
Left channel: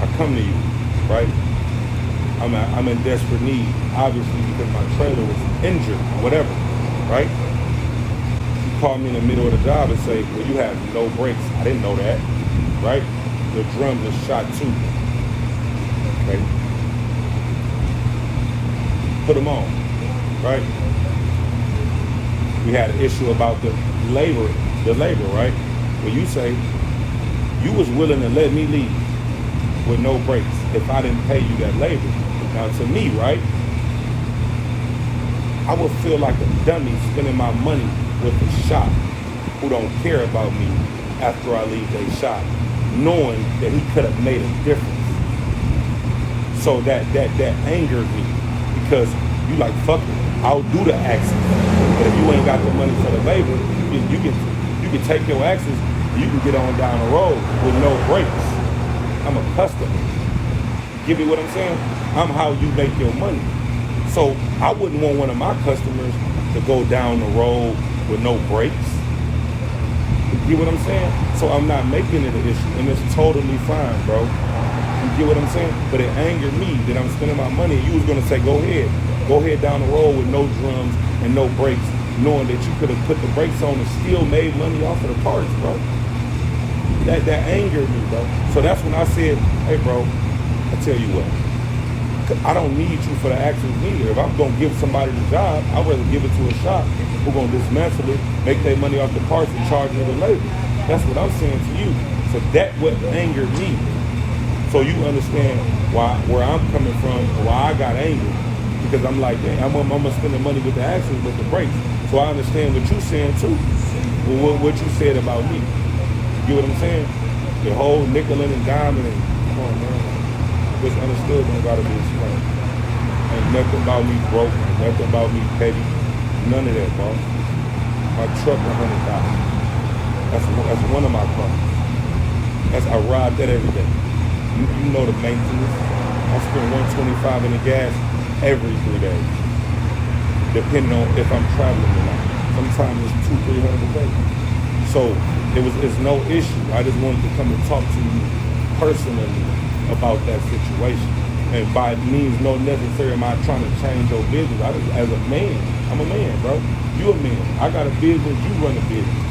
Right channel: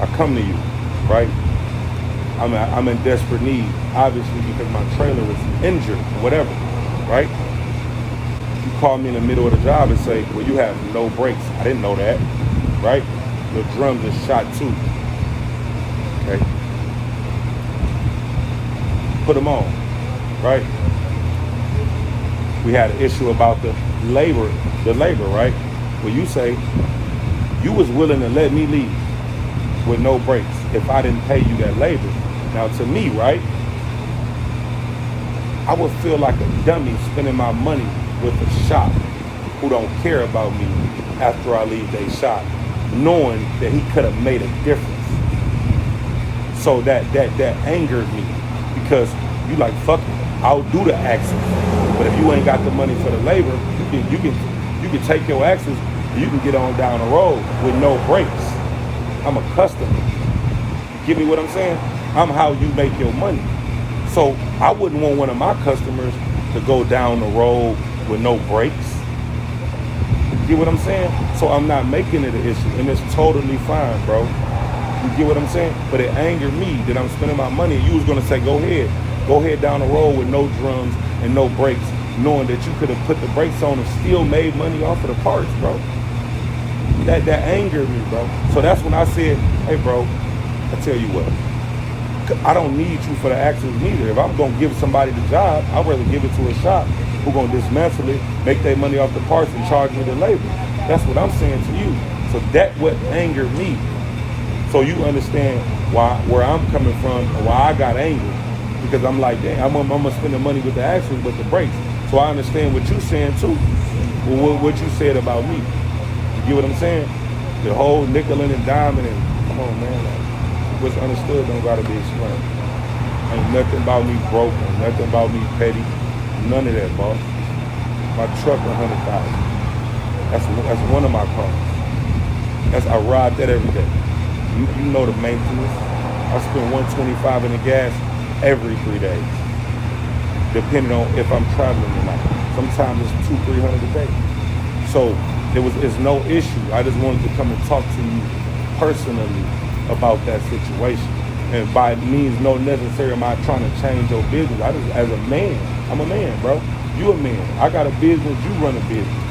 I come to you, right? I'm in desperate need, obviously, because my trailer was injured, whatever, right? You call me in the middle of the job and say, well, you have no brakes. I didn't know that, right? Your drums are shot too, okay? Put them on, right? We had an issue about the labor, right? Well, you say you was willing to let me leave with no brakes if I didn't pay you that labor. Now, to me, right, I would feel like a dummy spending my money with a shop who don't care about me after I leave their shop, knowing that he could have made a difference. So that angered me, because you like, fuck it, I'll do the axes, but if you ain't got the money for the labor, you can take your axes and you can get on down the road with no brakes. I'm a customer. You get me what I'm saying? I'm how you make your money. So I wouldn't want one of my customers to go down the road with no brakes. You get what I'm saying? So I'm not making it an issue, and it's totally fine, bro. You get what I'm saying? But it angered me that I'm spending my money. You was gonna say, go ahead down the road with no drums and no brakes knowing that you could have put the brakes on and still made money off of the parts, bro. That angered me, bro. So that's when I said, hey, bro, I tell you what, I don't need you for the axles neither. If I'm gonna give somebody the job, I'd rather give it to a shop who gonna dismantle it, make their money off the parts and charge me the labor. That's what I'm saying to you. So that what angered me. So you understand where I'm coming from and why I got angry. Because I'm like, damn, I'm gonna spend the money with the axles, with the brakes. So I understand what you're saying too. Well, what you said about me. You get what I'm saying? The whole nickel and diamond and, come on, man. What's understood don't gotta be explained. Ain't nothing about me broke, ain't nothing about me petty. None of that, boss. My truck, $100,000. That's one of my cars. I ride that every day. You know the maintenance. I spend $125 in the gas every 3 days, depending on if I'm traveling or not. Sometimes it's $200-300 a day. So it's no issue. I just wanted to come and talk to you personally about that situation. And by means, no necessarily am I trying to change your business. I just, as a man, I'm a man, bro. You a man. I got a business, you run a business.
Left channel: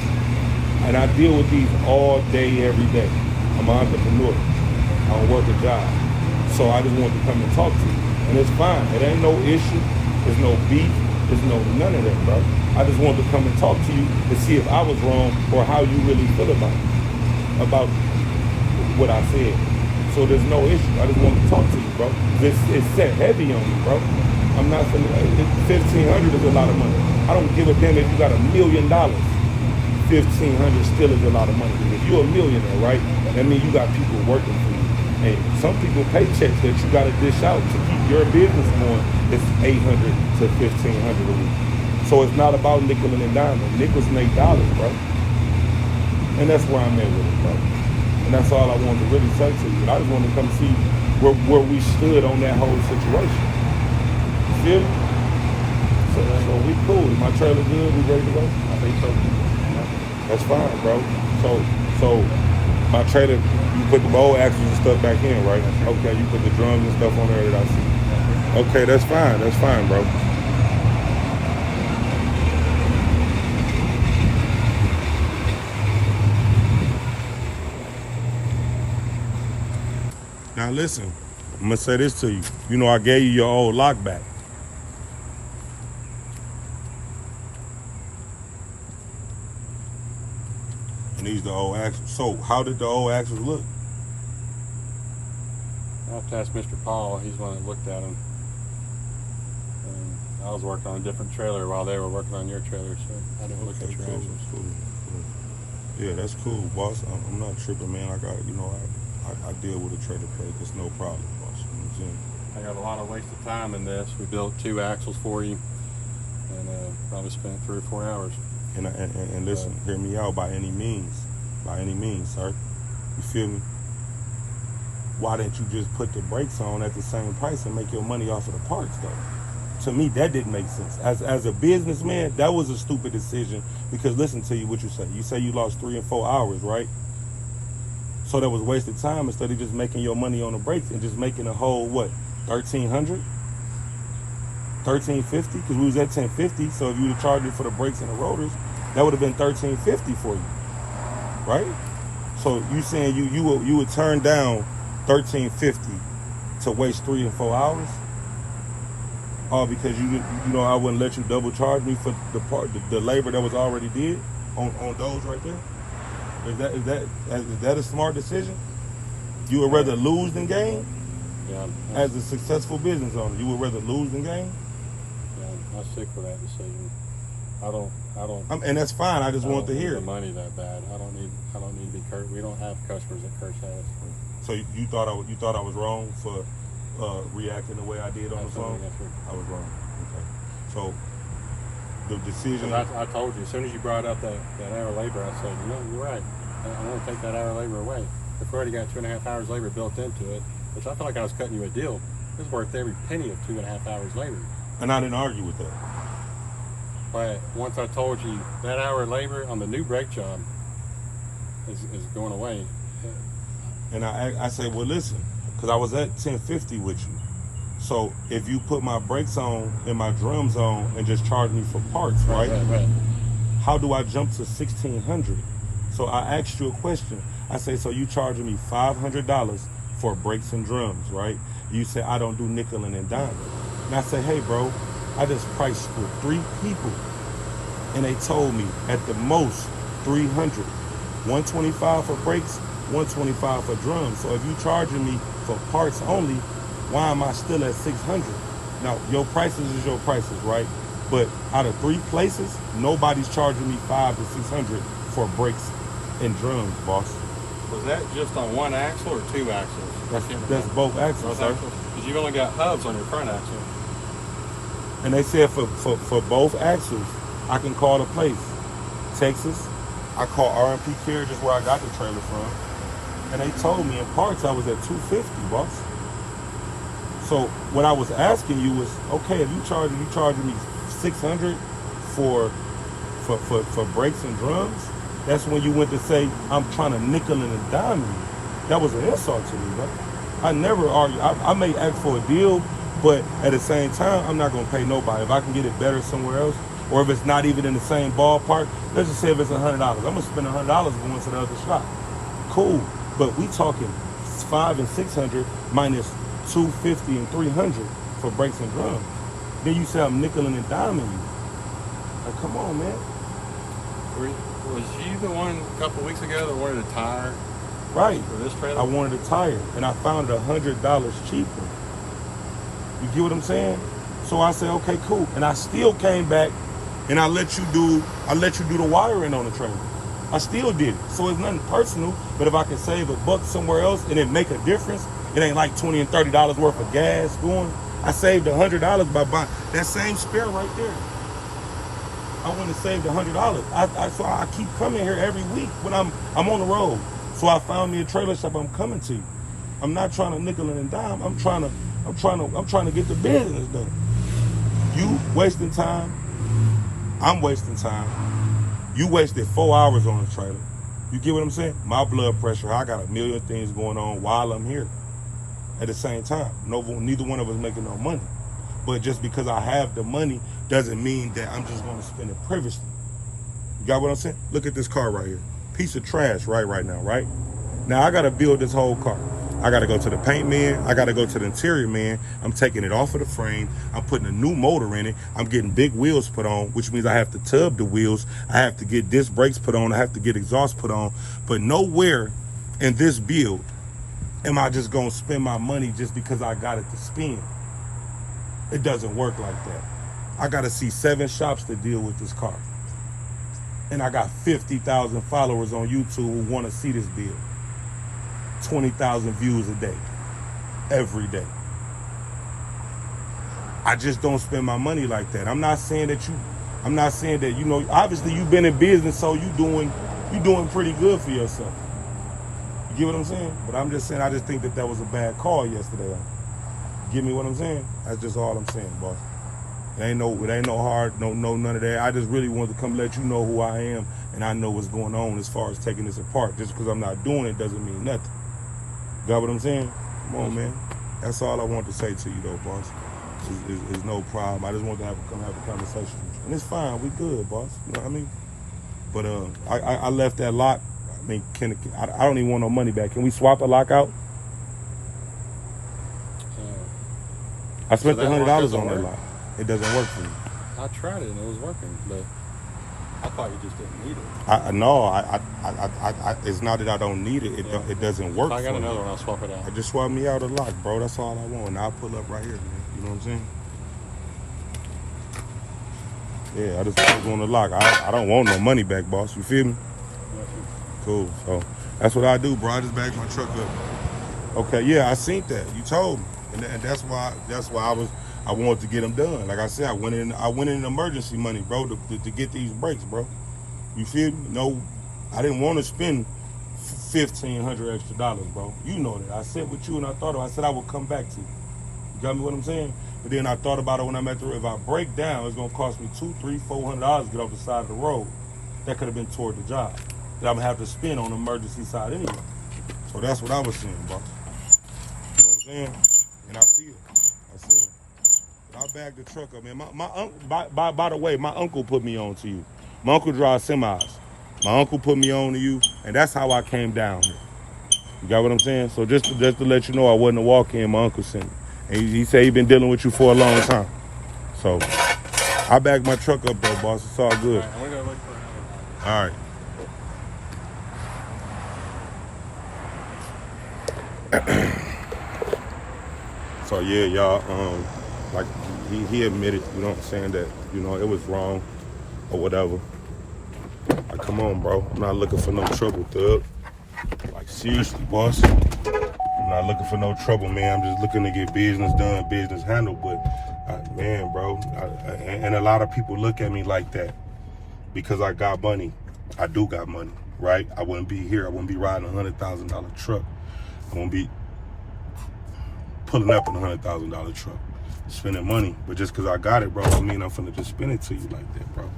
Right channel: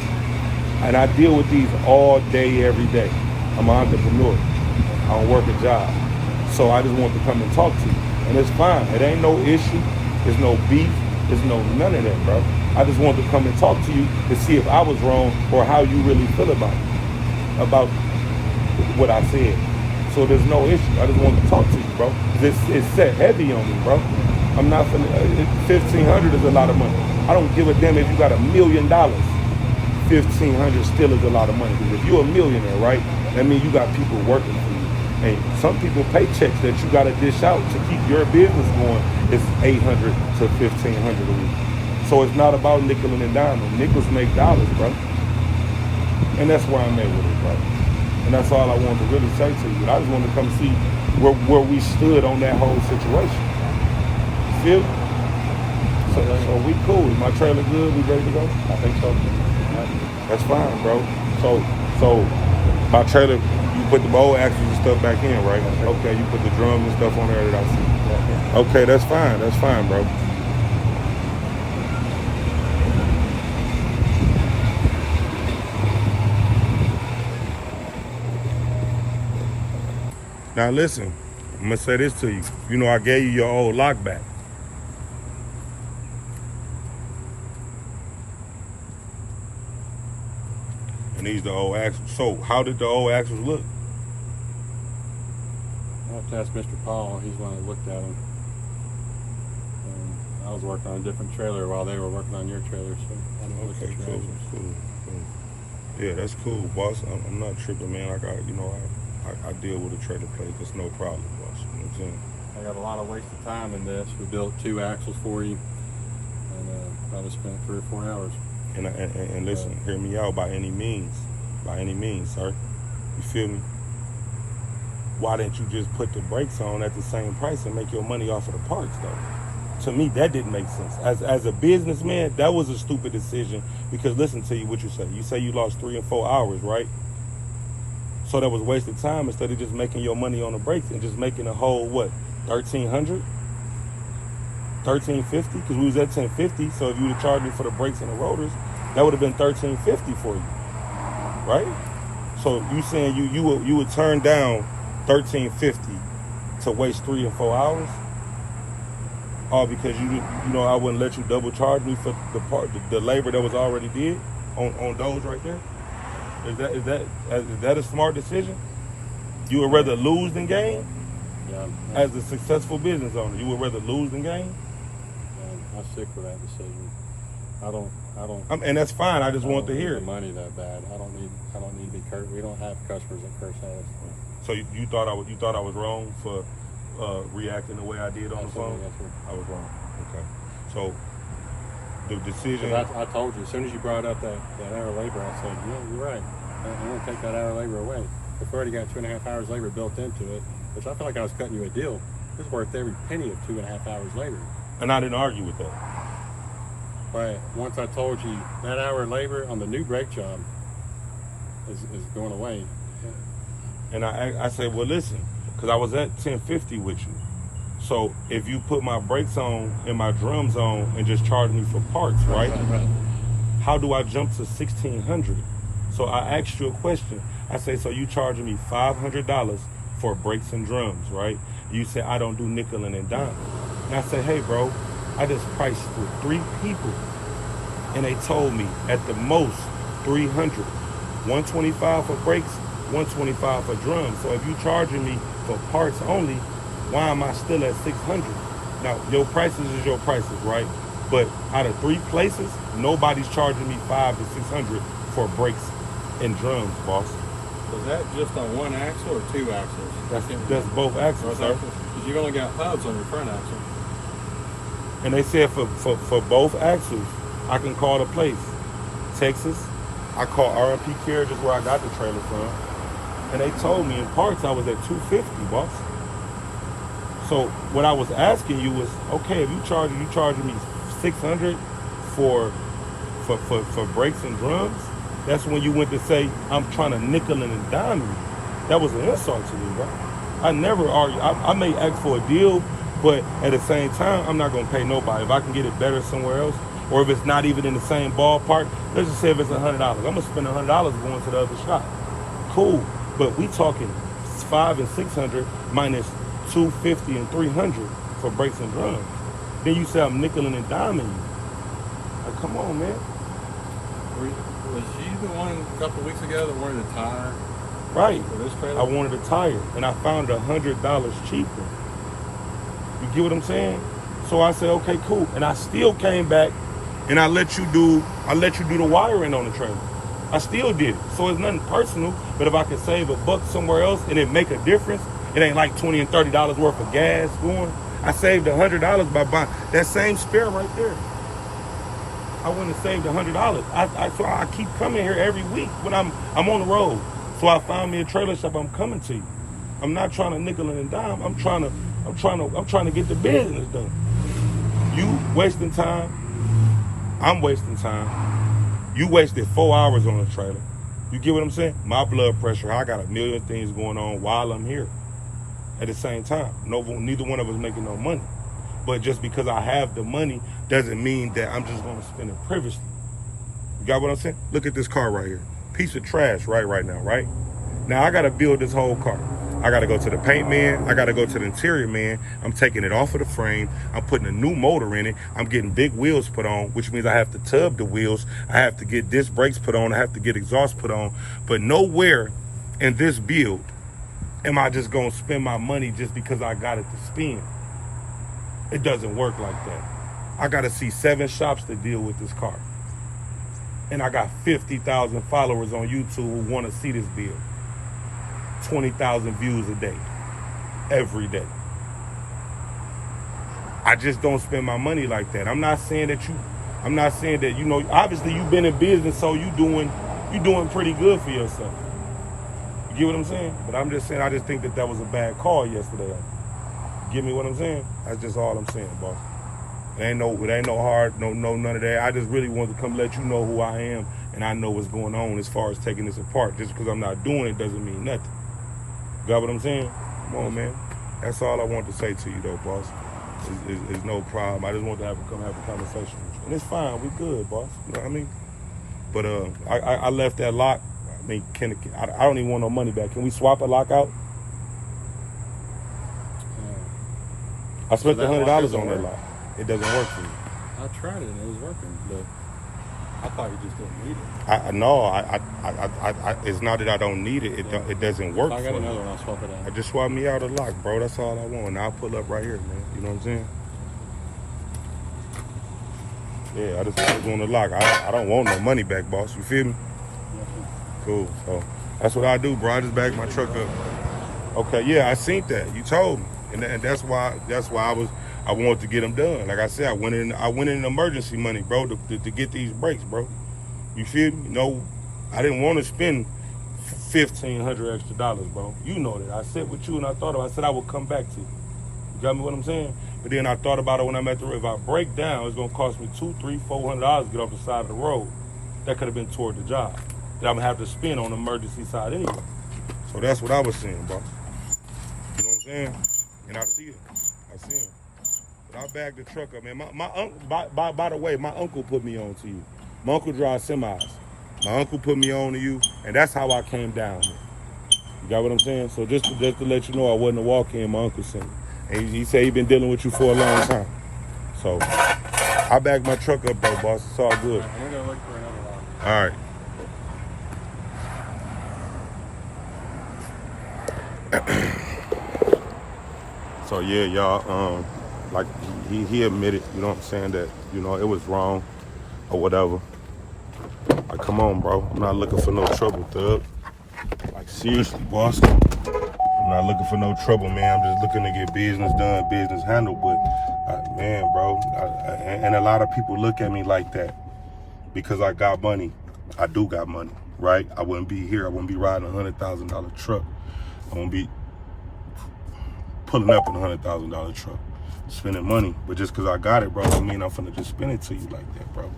And I deal with these all day, every day. I'm an entrepreneur. I don't work a job. So I just want to come and talk to you. And it's fine. It ain't no issue. There's no beef. There's none of that, bro. I just wanted to come and talk to you to see if I was wrong or how you really feel about what I said. So there's no issue. I just want to talk to you, bro. It's set heavy on me, bro. I'm not finna, $1,500 is a lot of money. I don't give a damn if you got $1 million. $1,500 still is a lot of money. Because if you're a millionaire, right, that means you got people working for you. And some people paychecks that you got to dish out to keep your business going is $800 to $1,500 a week. So it's not about nickel and diamond. Nickels make dollars, bro. And that's where I'm at with it, bro. And that's all I wanted to really say to you. I just wanted to come see where we stood on that whole situation. You feel me? So we cool. Is my trailer good? We ready to go? I think so. That's fine, bro. So my trailer, you put the old axles and stuff back in, right? Okay, you put the drums and stuff on there that I see. Okay, that's fine. That's fine, bro. Now listen, I'm gonna say this to you. You know I gave you your old lock back. And these the old axles. So how did the old axles look? I have to ask Mr. Paul. He's the one that looked at them. I was working on a different trailer while they were working on your trailer, so I didn't look at your axles. Cool. Yeah, that's cool, boss. I'm not tripping, man. I got, I deal with a trailer plate. There's no problem, boss. You know what I'm saying? I got a lot of wasted time in this. We built 2 axles for you, and probably spent 3 or 4 hours. And listen, hear me out by any means, sir. You feel me? Why didn't you just put the brakes on at the same price and make your money off of the parts, though? To me, that didn't make sense. As a businessman, that was a stupid decision because listen to you, what you say. You say you lost 3 and 4 hours, right? So that was wasted time instead of just making your money on the brakes and just making a whole, what, $1,300? $1,350? Because we was at $1,050, so if you would have charged me for the brakes and the rotors, that would have been $1,350 for you, right? So you saying you would turn down $1,350 to waste 3 and 4 hours? All because I wouldn't let you double charge me for the labor that was already did on those right there? Is that a smart decision? You would rather lose than gain? Yeah. As a successful business owner, you would rather lose than gain? I'll stick with that decision. I don't. And that's fine. I just want to hear the it. money that bad. I don't need to be cursed. We don't have customers that curse at us. So you thought I was wrong for reacting the way I did on the phone? I was wrong. Okay. So the decision. I told you as soon as you brought up that hour labor, I said, you're right. I want to take that hour labor away. We've already got 2.5 hours labor built into it, which I felt like I was cutting you a deal. It's worth every penny of 2.5 hours labor. And I didn't argue with that. But once I told you that hour labor on the new brake job is going away. And I said, well, listen, because I was at $1,050 with you. So if you put my brakes on and my drums on and just charge me for parts, right? How do I jump to $1,600? So I asked you a question. I say, so you charging me $500 for brakes and drums, right? You say I don't do nickel and dime. And I say, hey, bro, I just priced for 3 people, and they told me at the most 300, 125 for brakes, 125 for drums. So if you charging me for parts only, why am I still at 600? Now your prices is your prices, right? But out of 3 places, nobody's charging me 500 to 600 for brakes and drums, boss. Was that just on one axle or 2 axles? That's both axles, sir. Because you've only got hubs on your front axle. And they said for both axles, I can call the place. Texas, I call RMP Carriage, is where I got the trailer from. And they told me in parts I was at $250, boss. So what I was asking you was, okay, if you charging me $600 for brakes and drums, that's when you went to say, I'm trying to nickel and dime you. That was an insult to me, bro. I never argue. I may ask for a deal, but at the same time, I'm not gonna pay nobody. If I can get it better somewhere else, or if it's not even in the same ballpark, let's just say if it's $100. I'm gonna spend $100 going to the other shop. Cool, but we talking 500 and 600 minus 250 and 300 for brakes and drums. Then you say I'm nickeling and diming you. Like, come on, man. Was you the one a couple of weeks ago that wanted a tire Right. for this trailer? I wanted a tire, and I found $100 cheaper. You get what I'm saying? So I said, okay, cool. And I still came back, and I let you do the wiring on the trailer. I still did it. So it's nothing personal, but if I could save $1 somewhere else and it make a difference, it ain't like $20 and $30 worth of gas going. I saved $100 by buying that same spare right there. I wouldn't have saved $100. So I keep coming here every week when I'm on the road. So I found me a trailer shop. I'm coming to you. I'm not trying to nickel and dime. I'm trying to get the business done. You wasting time. I'm wasting time. You wasted 4 hours on the trailer. You get what I'm saying? My blood pressure, I got a million things going on while I'm here. At the same time, neither one of us making no money. But just because I have the money doesn't mean that I'm just going to spend it previously. You got what I'm saying? Look at this car right here. Piece of trash right now, right? Now I got to build this whole car. I got to go to the paint man. I got to go to the interior man. I'm taking it off of the frame. I'm putting a new motor in it. I'm getting big wheels put on, which means I have to tub the wheels. I have to get disc brakes put on. I have to get exhaust put on. But nowhere in this build am I just going to spend my money just because I got it to spend. It doesn't work like that. I got to see 7 shops to deal with this car. And I got 50,000 followers on YouTube who want to see this build. 20,000 views a day, every day. I just don't spend my money like that. I'm not saying that you know, obviously you've been in business, so you doing pretty good for yourself. You get what I'm saying? But I'm just saying, I just think that was a bad call yesterday. You get me what I'm saying? That's just all I'm saying, boss. It ain't no hard, none of that. I just really wanted to come let you know who I am, and I know what's going on as far as taking this apart. Just because I'm not doing it doesn't mean nothing. Got what I'm saying? Come on, man. That's all I want to say to you, though, boss. It's no problem. I just want to come have a conversation with you. And it's fine. We good, boss. You know what I mean? But I left that lock. I mean, I don't even want no money back. Can we swap the lock out? I spent $100 on that lock. It doesn't work for me. I tried it and it was working, but I thought you just didn't need it. No, it's not that I don't need it. It doesn't work. If I got for another me. one, I'll swap it out. I just swap me out a lock, bro. That's all I want. And I'll pull up right here, man. You know what I'm saying? Yeah, I just want the lock. I don't want no money back, boss. You feel me? Cool. So that's what I do, bro. I just back my truck up. Okay, yeah, I seen that. You told me, and that's why I wanted to get them done. Like I said, I went in emergency money, bro, to get these brakes, bro. You feel me? No, I didn't want to spend $1,500 extra, bro. You know that. I sat with you and I said I would come back to you. You got me what I'm saying? But then I thought about it when I'm at the road. If I break down, it's gonna cost me $200, $300, $400 to get off the side of the road. That could have been toward the job that I'm gonna have to spend on the emergency side anyway. So that's what I was saying, bro. You know what I'm saying? And I see it. I see him. But I bagged the truck up, man. My uncle, by the way, my uncle put me on to you. My uncle drives semis. My uncle put me on to you, and that's how I came down here. You got what I'm saying? So just to let you know, I wasn't a walk-in. My uncle sent me. And he said he been dealing with you for a long time. So I bagged my truck up though, boss. It's all good. And we're gonna look for another one. All right. So yeah, y'all, like he admitted, you know what I'm saying, that, you know, it was wrong or whatever. Like, come on, bro. I'm not looking for no trouble, thug. Like, seriously, boss. I'm not looking for no trouble, man. I'm just looking to get business done, business handled. But, man, bro, and a lot of people look at me like that because I got money. I do got money, right? I wouldn't be here. I wouldn't be riding a $100,000 truck. I wouldn't be pulling up in a $100,000 truck, spending money. But just because I got it, bro, don't mean I'm finna just spend it to you like that, bro.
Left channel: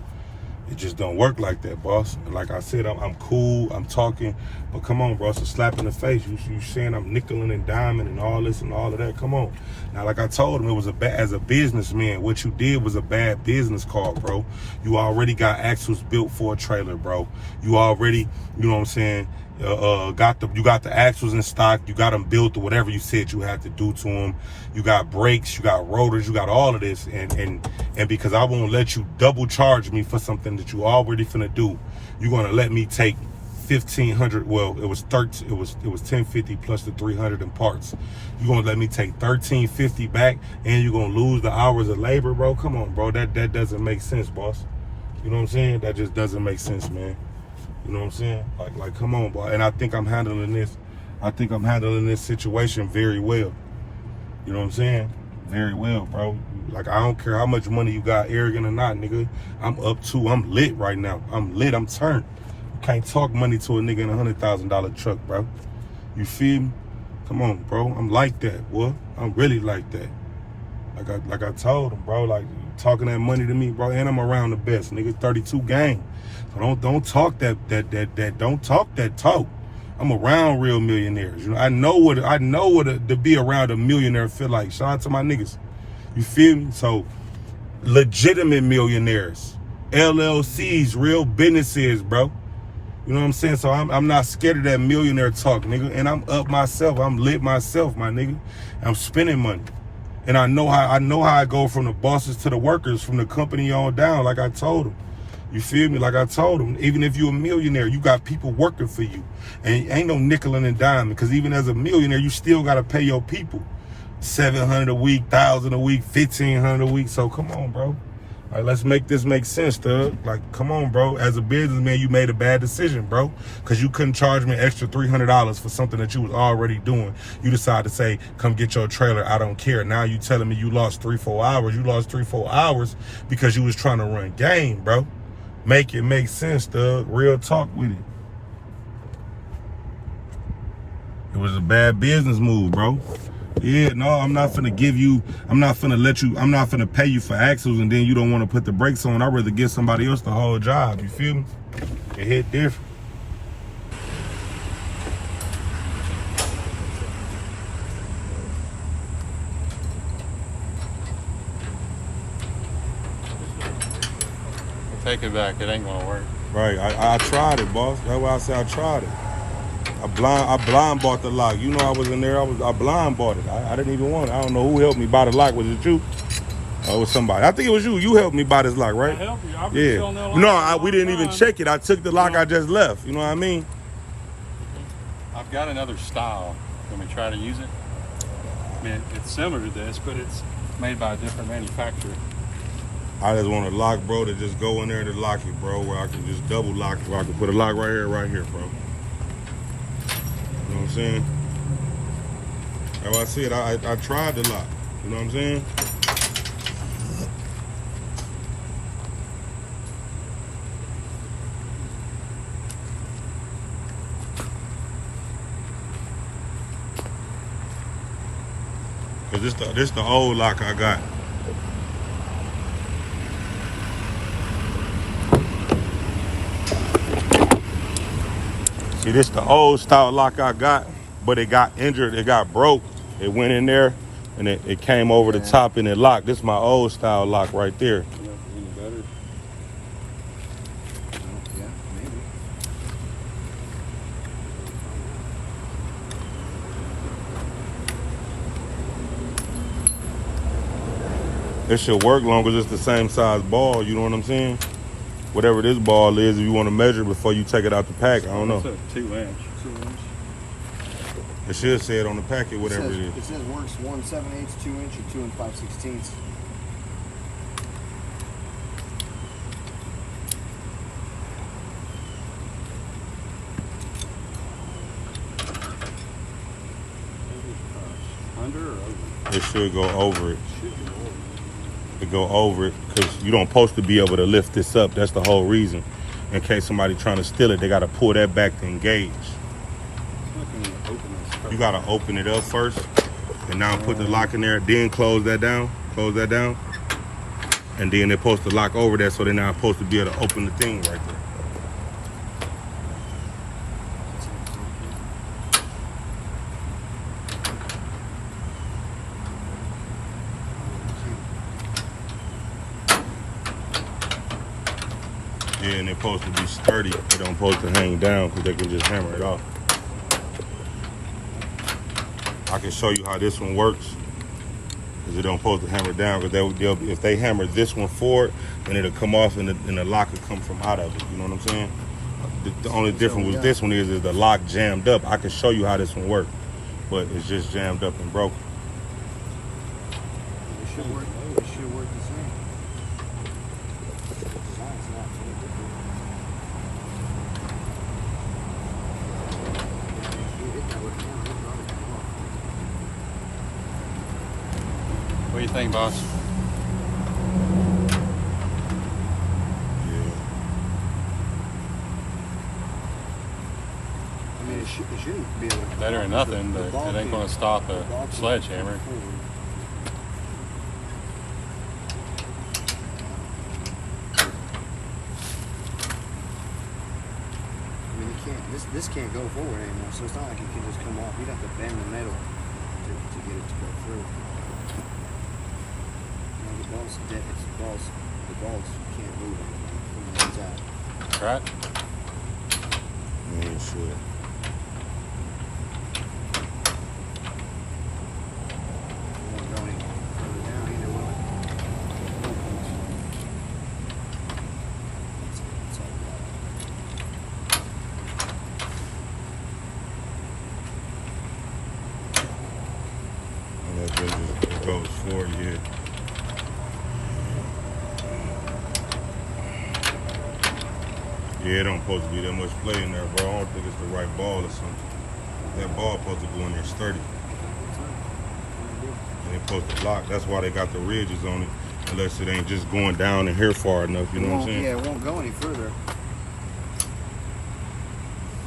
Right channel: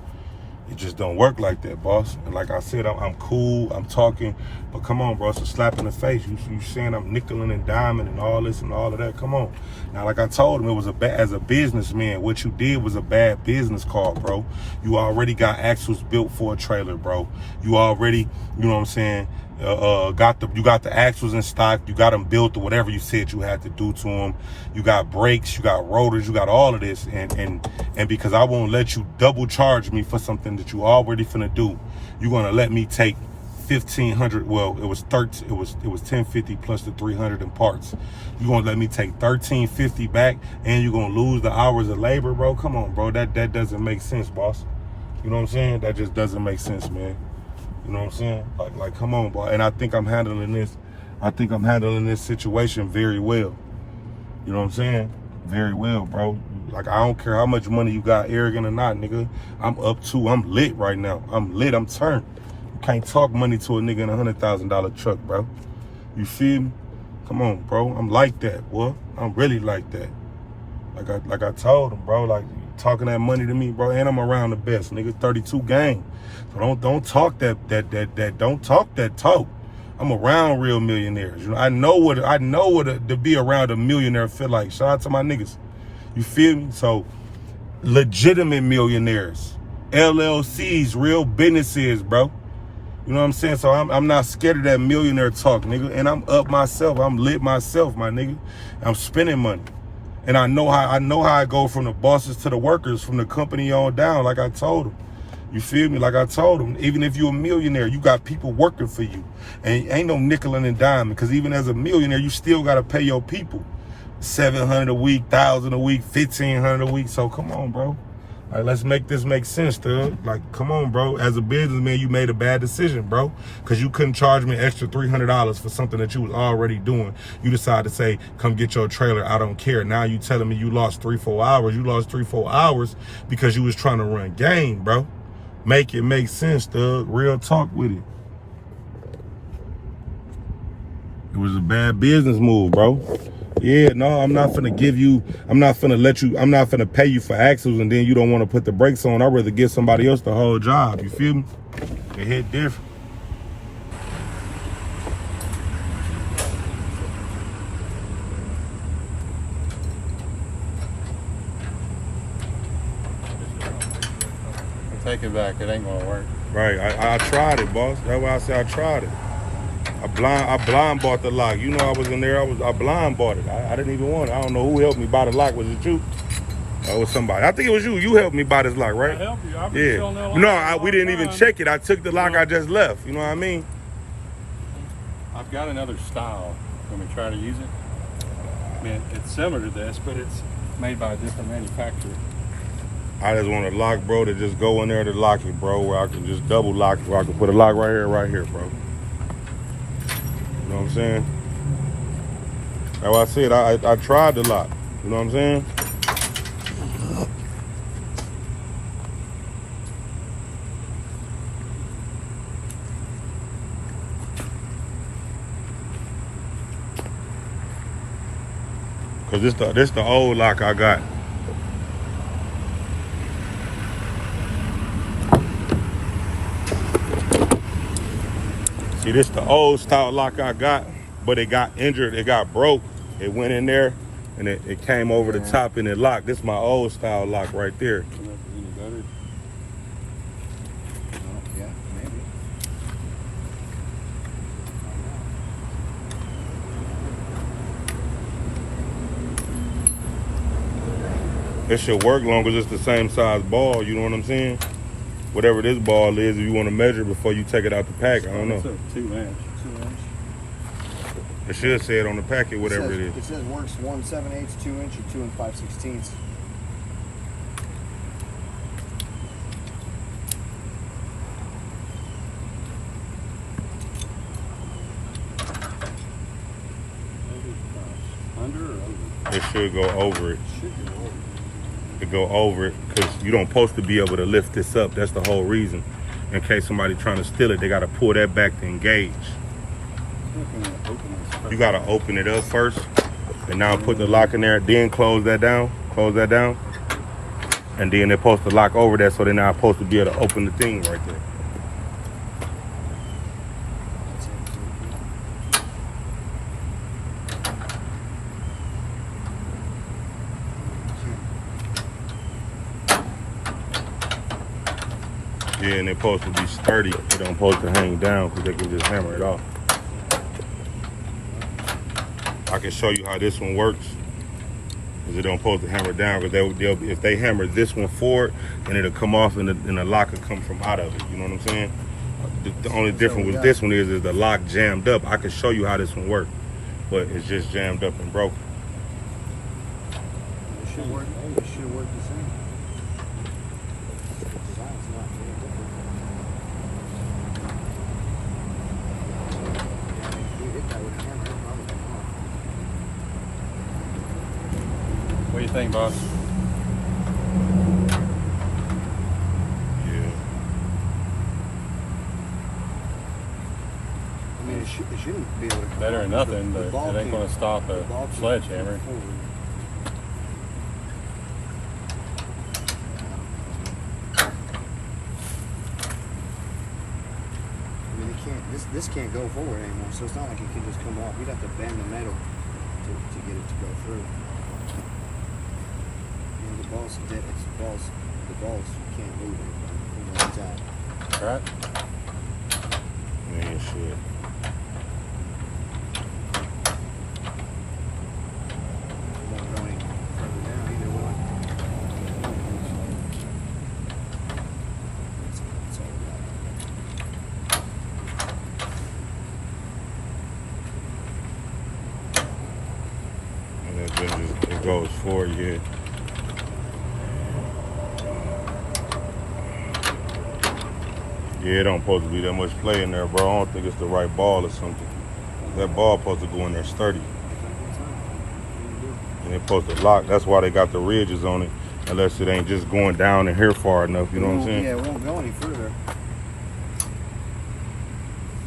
It just don't work like that, boss. And like I said, I'm cool, I'm talking, but come on, bro, it's a slap in the face. You saying I'm nickeling and diming and all this and all of that. Come on. Now, like I told him, it was as a businessman, what you did was a bad business card, bro. You already got axles built for a trailer, bro. You already, you know what I'm saying, you got the axles in stock, you got them built or whatever you said you had to do to them. You got brakes, you got rotors, you got all of this, and because I won't let you double charge me for something that you already finna do, you're gonna let me take $1,500. Well, it was $1,050 plus the $300 in parts. You're gonna let me take $1,350 back, and you're gonna lose the hours of labor, bro. Come on, bro, that doesn't make sense, boss. You know what I'm saying? That just doesn't make sense, man. You know what I'm saying? Like, come on, boy. And I think I'm handling this situation very well. You know what I'm saying? Very well, bro. Like, I don't care how much money you got, arrogant or not, nigga. I'm lit right now. I'm lit, I'm turned. You can't talk money to a nigga in a $100,000 truck, bro. You feel me? Come on, bro. I'm like that, boy. I'm really like that. Like I told him, bro, like, talking that money to me, bro, and I'm around the best, nigga. 32 gang. So don't talk don't talk that talk. I'm around real millionaires. You know, I know what to be around a millionaire feel like. Shout out to my niggas. You feel me? So legitimate millionaires, LLCs, real businesses, bro. You know what I'm saying? So I'm not scared of that millionaire talk, nigga. And I'm up myself. I'm lit myself, my nigga. I'm spending money. And I know how I go from the bosses to the workers, from the company on down, like I told them. You feel me? Like I told them, even if you're a millionaire, you got people working for you. And ain't no nickeling and diming, because even as a millionaire, you still got to pay your people $700 a week, $1,000 a week, $1,500 a week. So come on, bro. Like, let's make this make sense, thug. Like, come on, bro. As a businessman, you made a bad decision, bro, because you couldn't charge me an extra $300 for something that you was already doing. You decided to say, come get your trailer, I don't care. Now you telling me you lost 3-4 hours. You lost 3-4 hours because you was trying to run game, bro. Make it make sense, thug. Real talk with it. It was a bad business move, bro. Yeah, no, I'm not finna pay you for axles and then you don't want to put the brakes on. I'd rather give somebody else the whole job. You feel me? It hit different. Take it back. It ain't gonna work. Right. I tried it, boss. That's why I said I tried it. I blind bought the lock. You know I was in there. I blind bought it. I didn't even want it. I don't know who helped me buy the lock. Was it you? Or it was somebody? I think it was you. You helped me buy this lock, right? I helped you. I've been selling that lock. No, we didn't even check it. I took the lock. I just left. You know what I mean? I've got another style. Can we try to use it? I mean, it's similar to this, but it's made by a different manufacturer. I just want a lock, bro, to just go in there to lock it, bro, where I can just double lock, where I can put a lock right here, bro. You know what I'm saying? That's why I said I tried the lock. You know what I'm saying? Cause this the old lock I got. See, this the old style lock I got, but it got injured, it got broke. It went in there and it came over the top and it locked. This is my old style lock right there. Any better? Oh, yeah, maybe. It should work long as it's the same size ball, you know what I'm saying? Whatever this ball is, if you want to measure before you take it out the pack, I don't It's know. a 2-inch. 2-inch. It should say it on the packet, whatever it It is. says works 1 7/8, 2-inch, or 2 5/16. Maybe under or over? It should go over it. Should be over. It go over it because you don't supposed to be able to lift this up. That's the whole reason. In case somebody trying to steal it, they got to pull that back to engage. You got to open it up first, and now put the lock in there. Then close that down. Close that down. And then they're supposed to lock over that, so they're not supposed to be able to open the thing right there. Yeah, and they're supposed to be sturdy. They don't supposed to hang down because they can just hammer it off. I can show you how this one works. Because they don't supposed to hammer down. Because they'll if they hammer this one forward, then it'll come off and the lock will come from out of it. You know what I'm saying? The only difference with this one is the lock jammed up. I can show you how this one works, but it's just jammed up and broken. It should work. It should work the same. The design's not any different. Yeah, I mean, if you hit that with a hammer, it'll probably come off. What do you think, boss? I mean, it shouldn't be able to come Better off. than nothing, The but ball it ain't can't- going to stop the a ball can't sledgehammer. come forward. I mean, it can't. This can't go forward anymore. So it's not like it can just come off. You'd have to bend the metal to get it to go through. You know, the ball's dead. It's balls. The balls can't move anymore from where it's at. Right? Yeah, it should. It won't go any further down either, will it? It won't come this way. That's all we got. And it goes forward, yeah. Yeah, it don't supposed to be that much play in there, bro. I don't think it's the right ball or something. That ball supposed to go in there sturdy. And it's supposed to lock. That's why they got the ridges on it. Unless it ain't just going down in here far enough, you know what I'm saying? Yeah, it won't go any further. What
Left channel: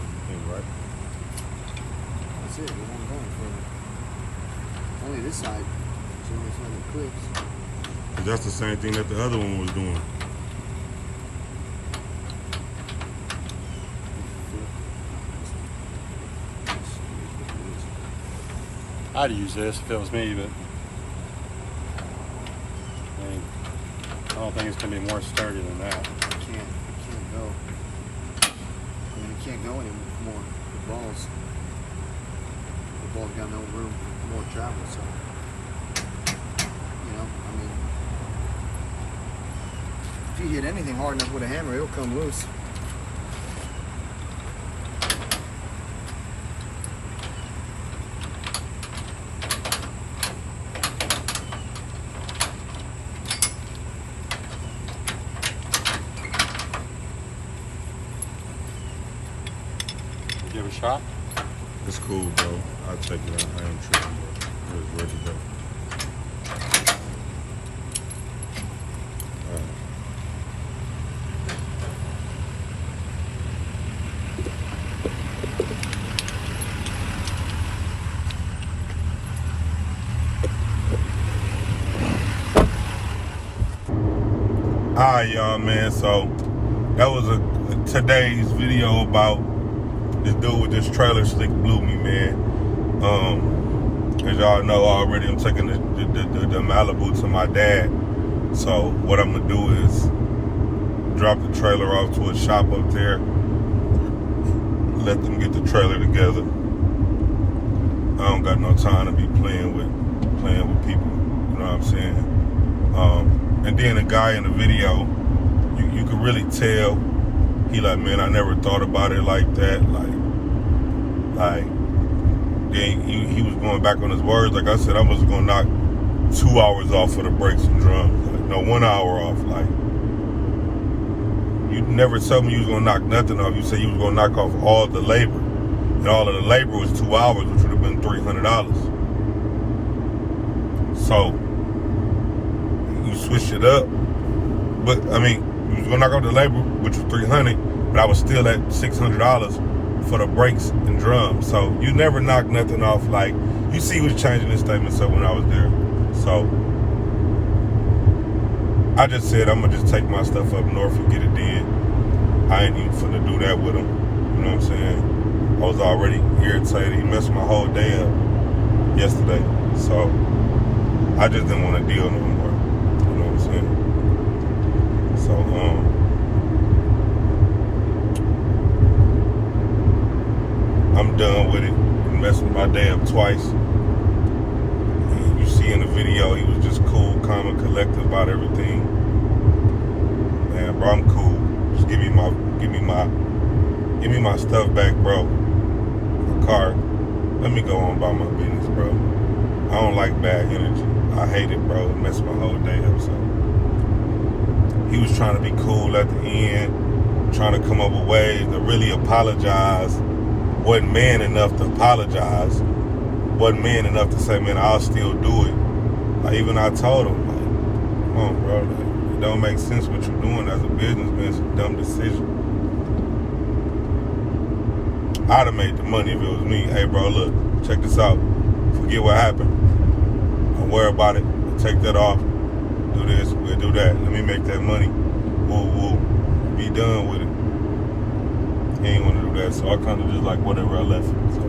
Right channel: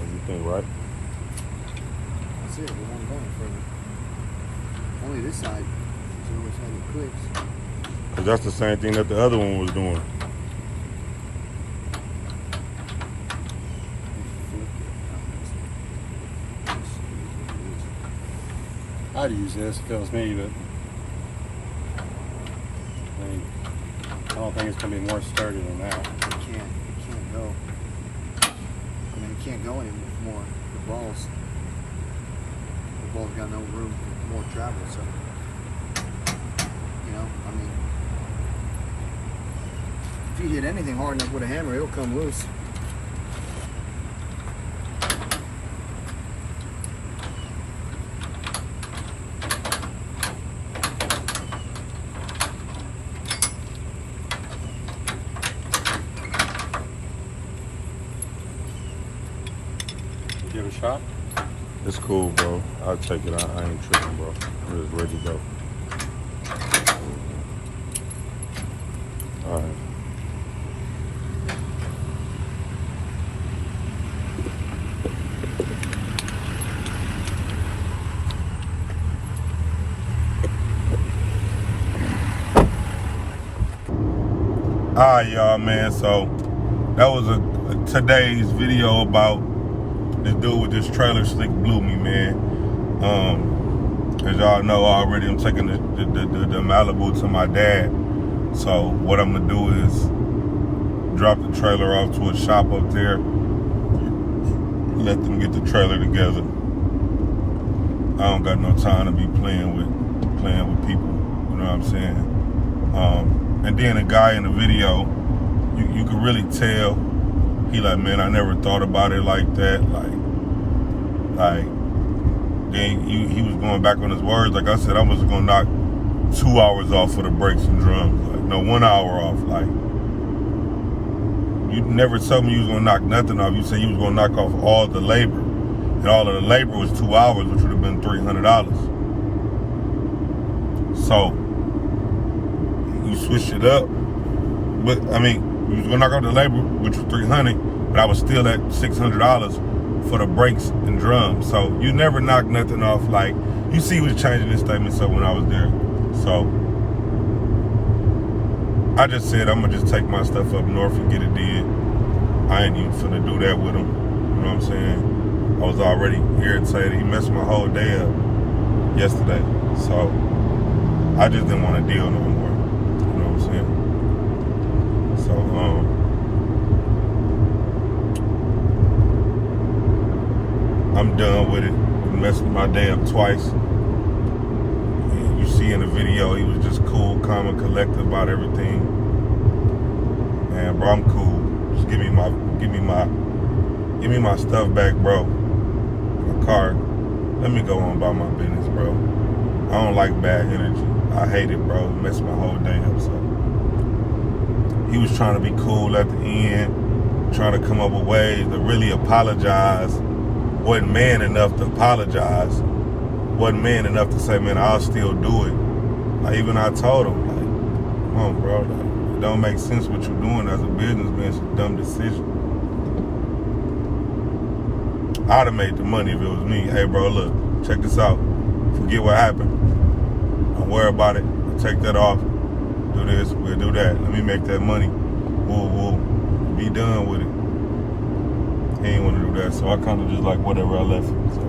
do you think, right? That's it. It won't go any further. Only this side. It's the only side that clicks. Cause that's the same thing that the other one was doing. I'd use this if it was me, but I mean, I don't think it's going to be more sturdy than that. It can't go. I mean, it can't go anymore. The ball's got no room for more travel. So, you know, I mean, if you hit anything hard enough with a hammer, it'll come loose. Give it a shot. It's cool, bro. I'll take it. I ain't tripping, bro. I'm just ready to go. All right. All right, y'all, man. So that was today's video about this dude with this trailer slick blew me, man. As y'all know already, I'm taking the Malibu to my dad. So what I'm gonna do is drop the trailer off to a shop up there. Let them get the trailer together. I don't got no time to be playing with people. You know what I'm saying? And then the guy in the video, you could really tell. He like, man, I never thought about it like that. Like. Then he was going back on his words. Like I said, I was gonna knock 2 hours off for the brakes and drums. Like, no, 1 hour off. Like, you never told me you was gonna knock nothing off. You said you was gonna knock off all the labor. And all of the labor was 2 hours, which would have been $300. So, you switched it up. But, I mean, you was gonna knock off the labor, which was $300, but I was still at $600 for the brakes and drums. So you never knock nothing off. Like, you see what's changing his statements up when I was there. So I just said I'm gonna just take my stuff up north and get it did. I ain't even finna do that with him. You know what I'm saying? I was already irritated. He messed my whole day up yesterday. So I just didn't want to deal no more. You know what I'm saying? So I'm done with it. He messed my day up twice. You see in the video, he was just cool, calm, and collected about everything. Man, bro, I'm cool. Just give me my stuff back, bro. My car. Let me go on about my business, bro. I don't like bad energy. I hate it, bro. It messed my whole day up. So he was trying to be cool at the end, trying to come up with ways to really apologize. Wasn't man enough to apologize. Wasn't man enough to say, man, I'll still do it. Like, even I told him, like, come on, bro, like, it don't make sense what you're doing as a businessman. It's a dumb decision. I'd have made the money if it was me. Hey, bro, look, check this out. Forget what happened. Don't worry about it. Take that off. Do this, we'll do that. Let me make that money. We'll be done with it. He ain't want to do that, so I kind of just like whatever I left it. So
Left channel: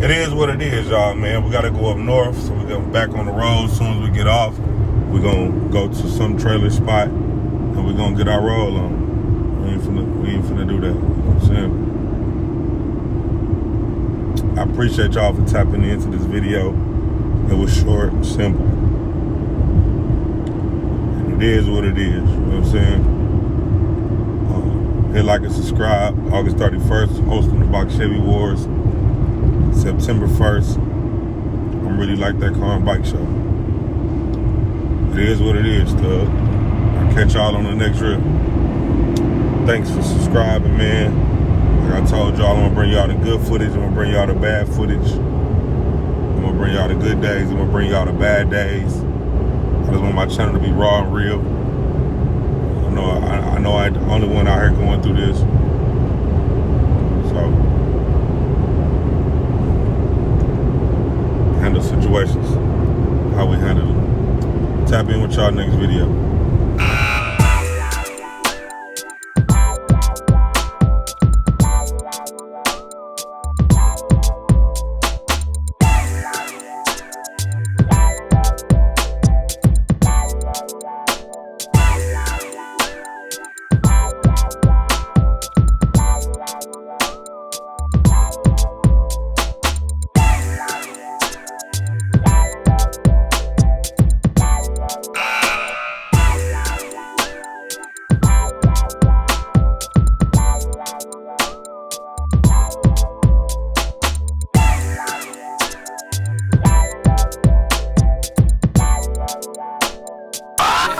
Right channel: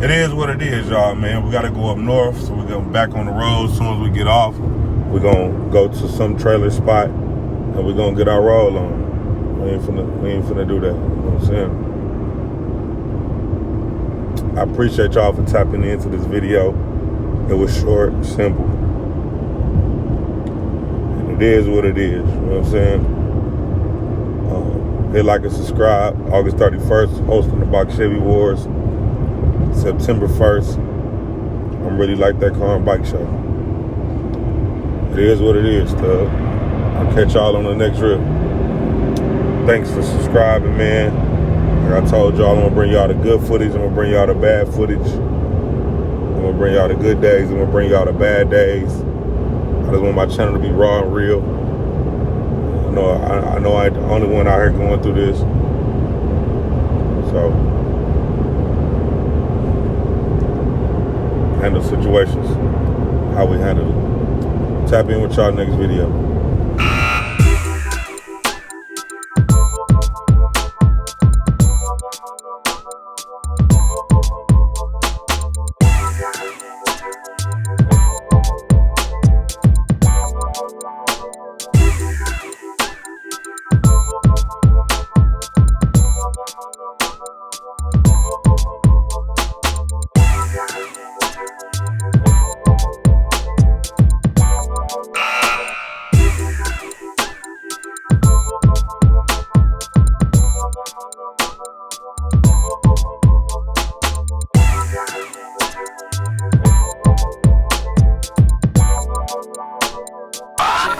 it is what it is, y'all, man. We got to go up north, so we're going back on the road as soon as we get off. We're going to go to some trailer spot, and we're going to get our roll on. We ain't finna do that. You know what I'm saying? I appreciate y'all for tapping into this video. It was short, simple. And it is what it is, you know what I'm saying? Hit like and subscribe. August 31st, hosting the Box Chevy Wars. September 1st, I'm really like that car and bike show. It is what it is, Tub. I'll catch y'all on the next rip. Thanks for subscribing, man. Like I told y'all, I'm gonna bring y'all the good footage. I'm gonna bring y'all the bad footage. I'm gonna bring y'all the good days. I'm gonna bring y'all the bad days. I just want my channel to be raw and real. I know I ain't the only one out here going through this. So, handle situations how we handle it. Tap in with y'all next video.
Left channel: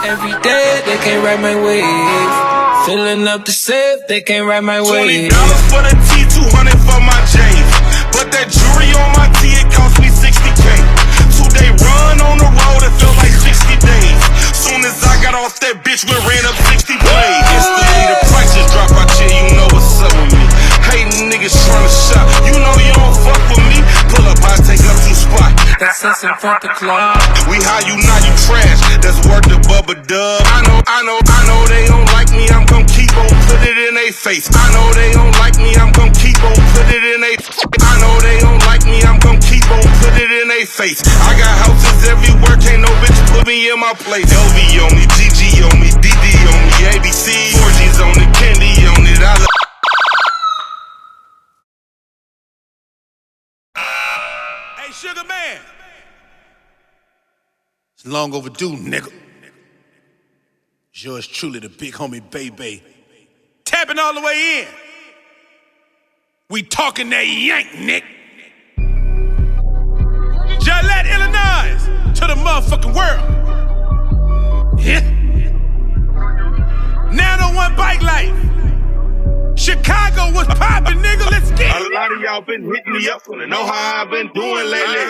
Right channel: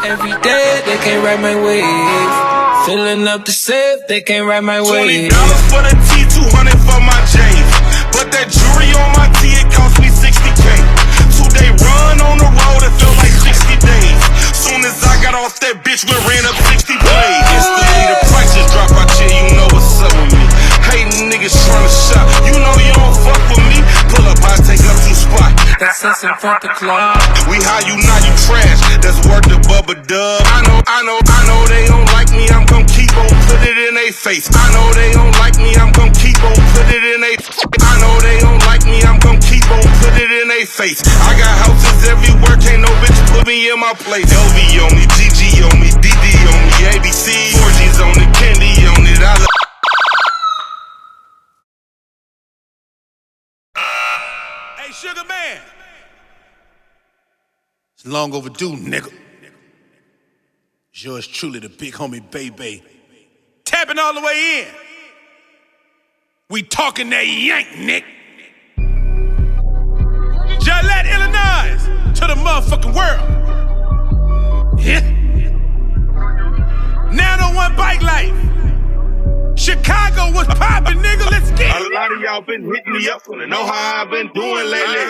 Every day they can't ride my wave. Filling up the safe, they can't ride my wave. $20 for the T, 200 for my J's. But that jewelry on my T, it cost me 60K. 2-day run on the road, it felt like 60 days. Soon as I got off that bitch, we ran up 60 blades. Instantly the prices drop out here, you know what's up with me. Hating niggas trying to shop, you know you don't fuck with me. Pull up, I take up 2 spots. That's us in front the club. We high, you not, you trash. That's worth the Bubba Dub. I know they don't like me. I'm gon' keep on put it in they face. I know they don't like me. I'm gon' keep on put it in they. I know they don't like me. I'm gon' keep on put it in they face. I got houses everywhere, can't no bitch put me in my place. LV on me, GG on me, DD on me, ABC, 4G's on it, Candy on it. I love. Hey, Sugar Man. It's long overdue, nigga. It's yours truly, the big homie Baby. Tapping all the way in. We talking that yank, Nick. Gillette, Illinois, to the motherfucking world. Yeah. 901 Bike Life. Chicago was poppin', nigga, let's get it. A lot of y'all been hitting me up, wanna know how I've been doing lately.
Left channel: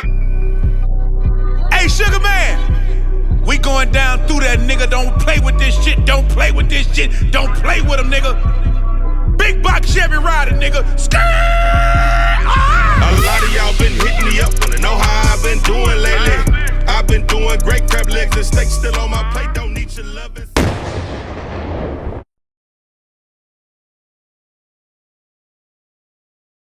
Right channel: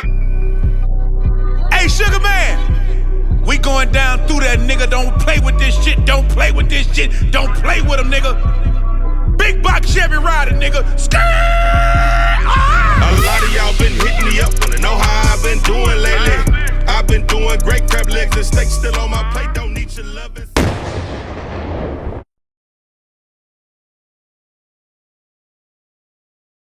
Hey, Sugar Man, we going down through that, nigga. Don't play with this shit, don't play with this shit, don't play with them, nigga. Big box Chevy rider, nigga. Skirt!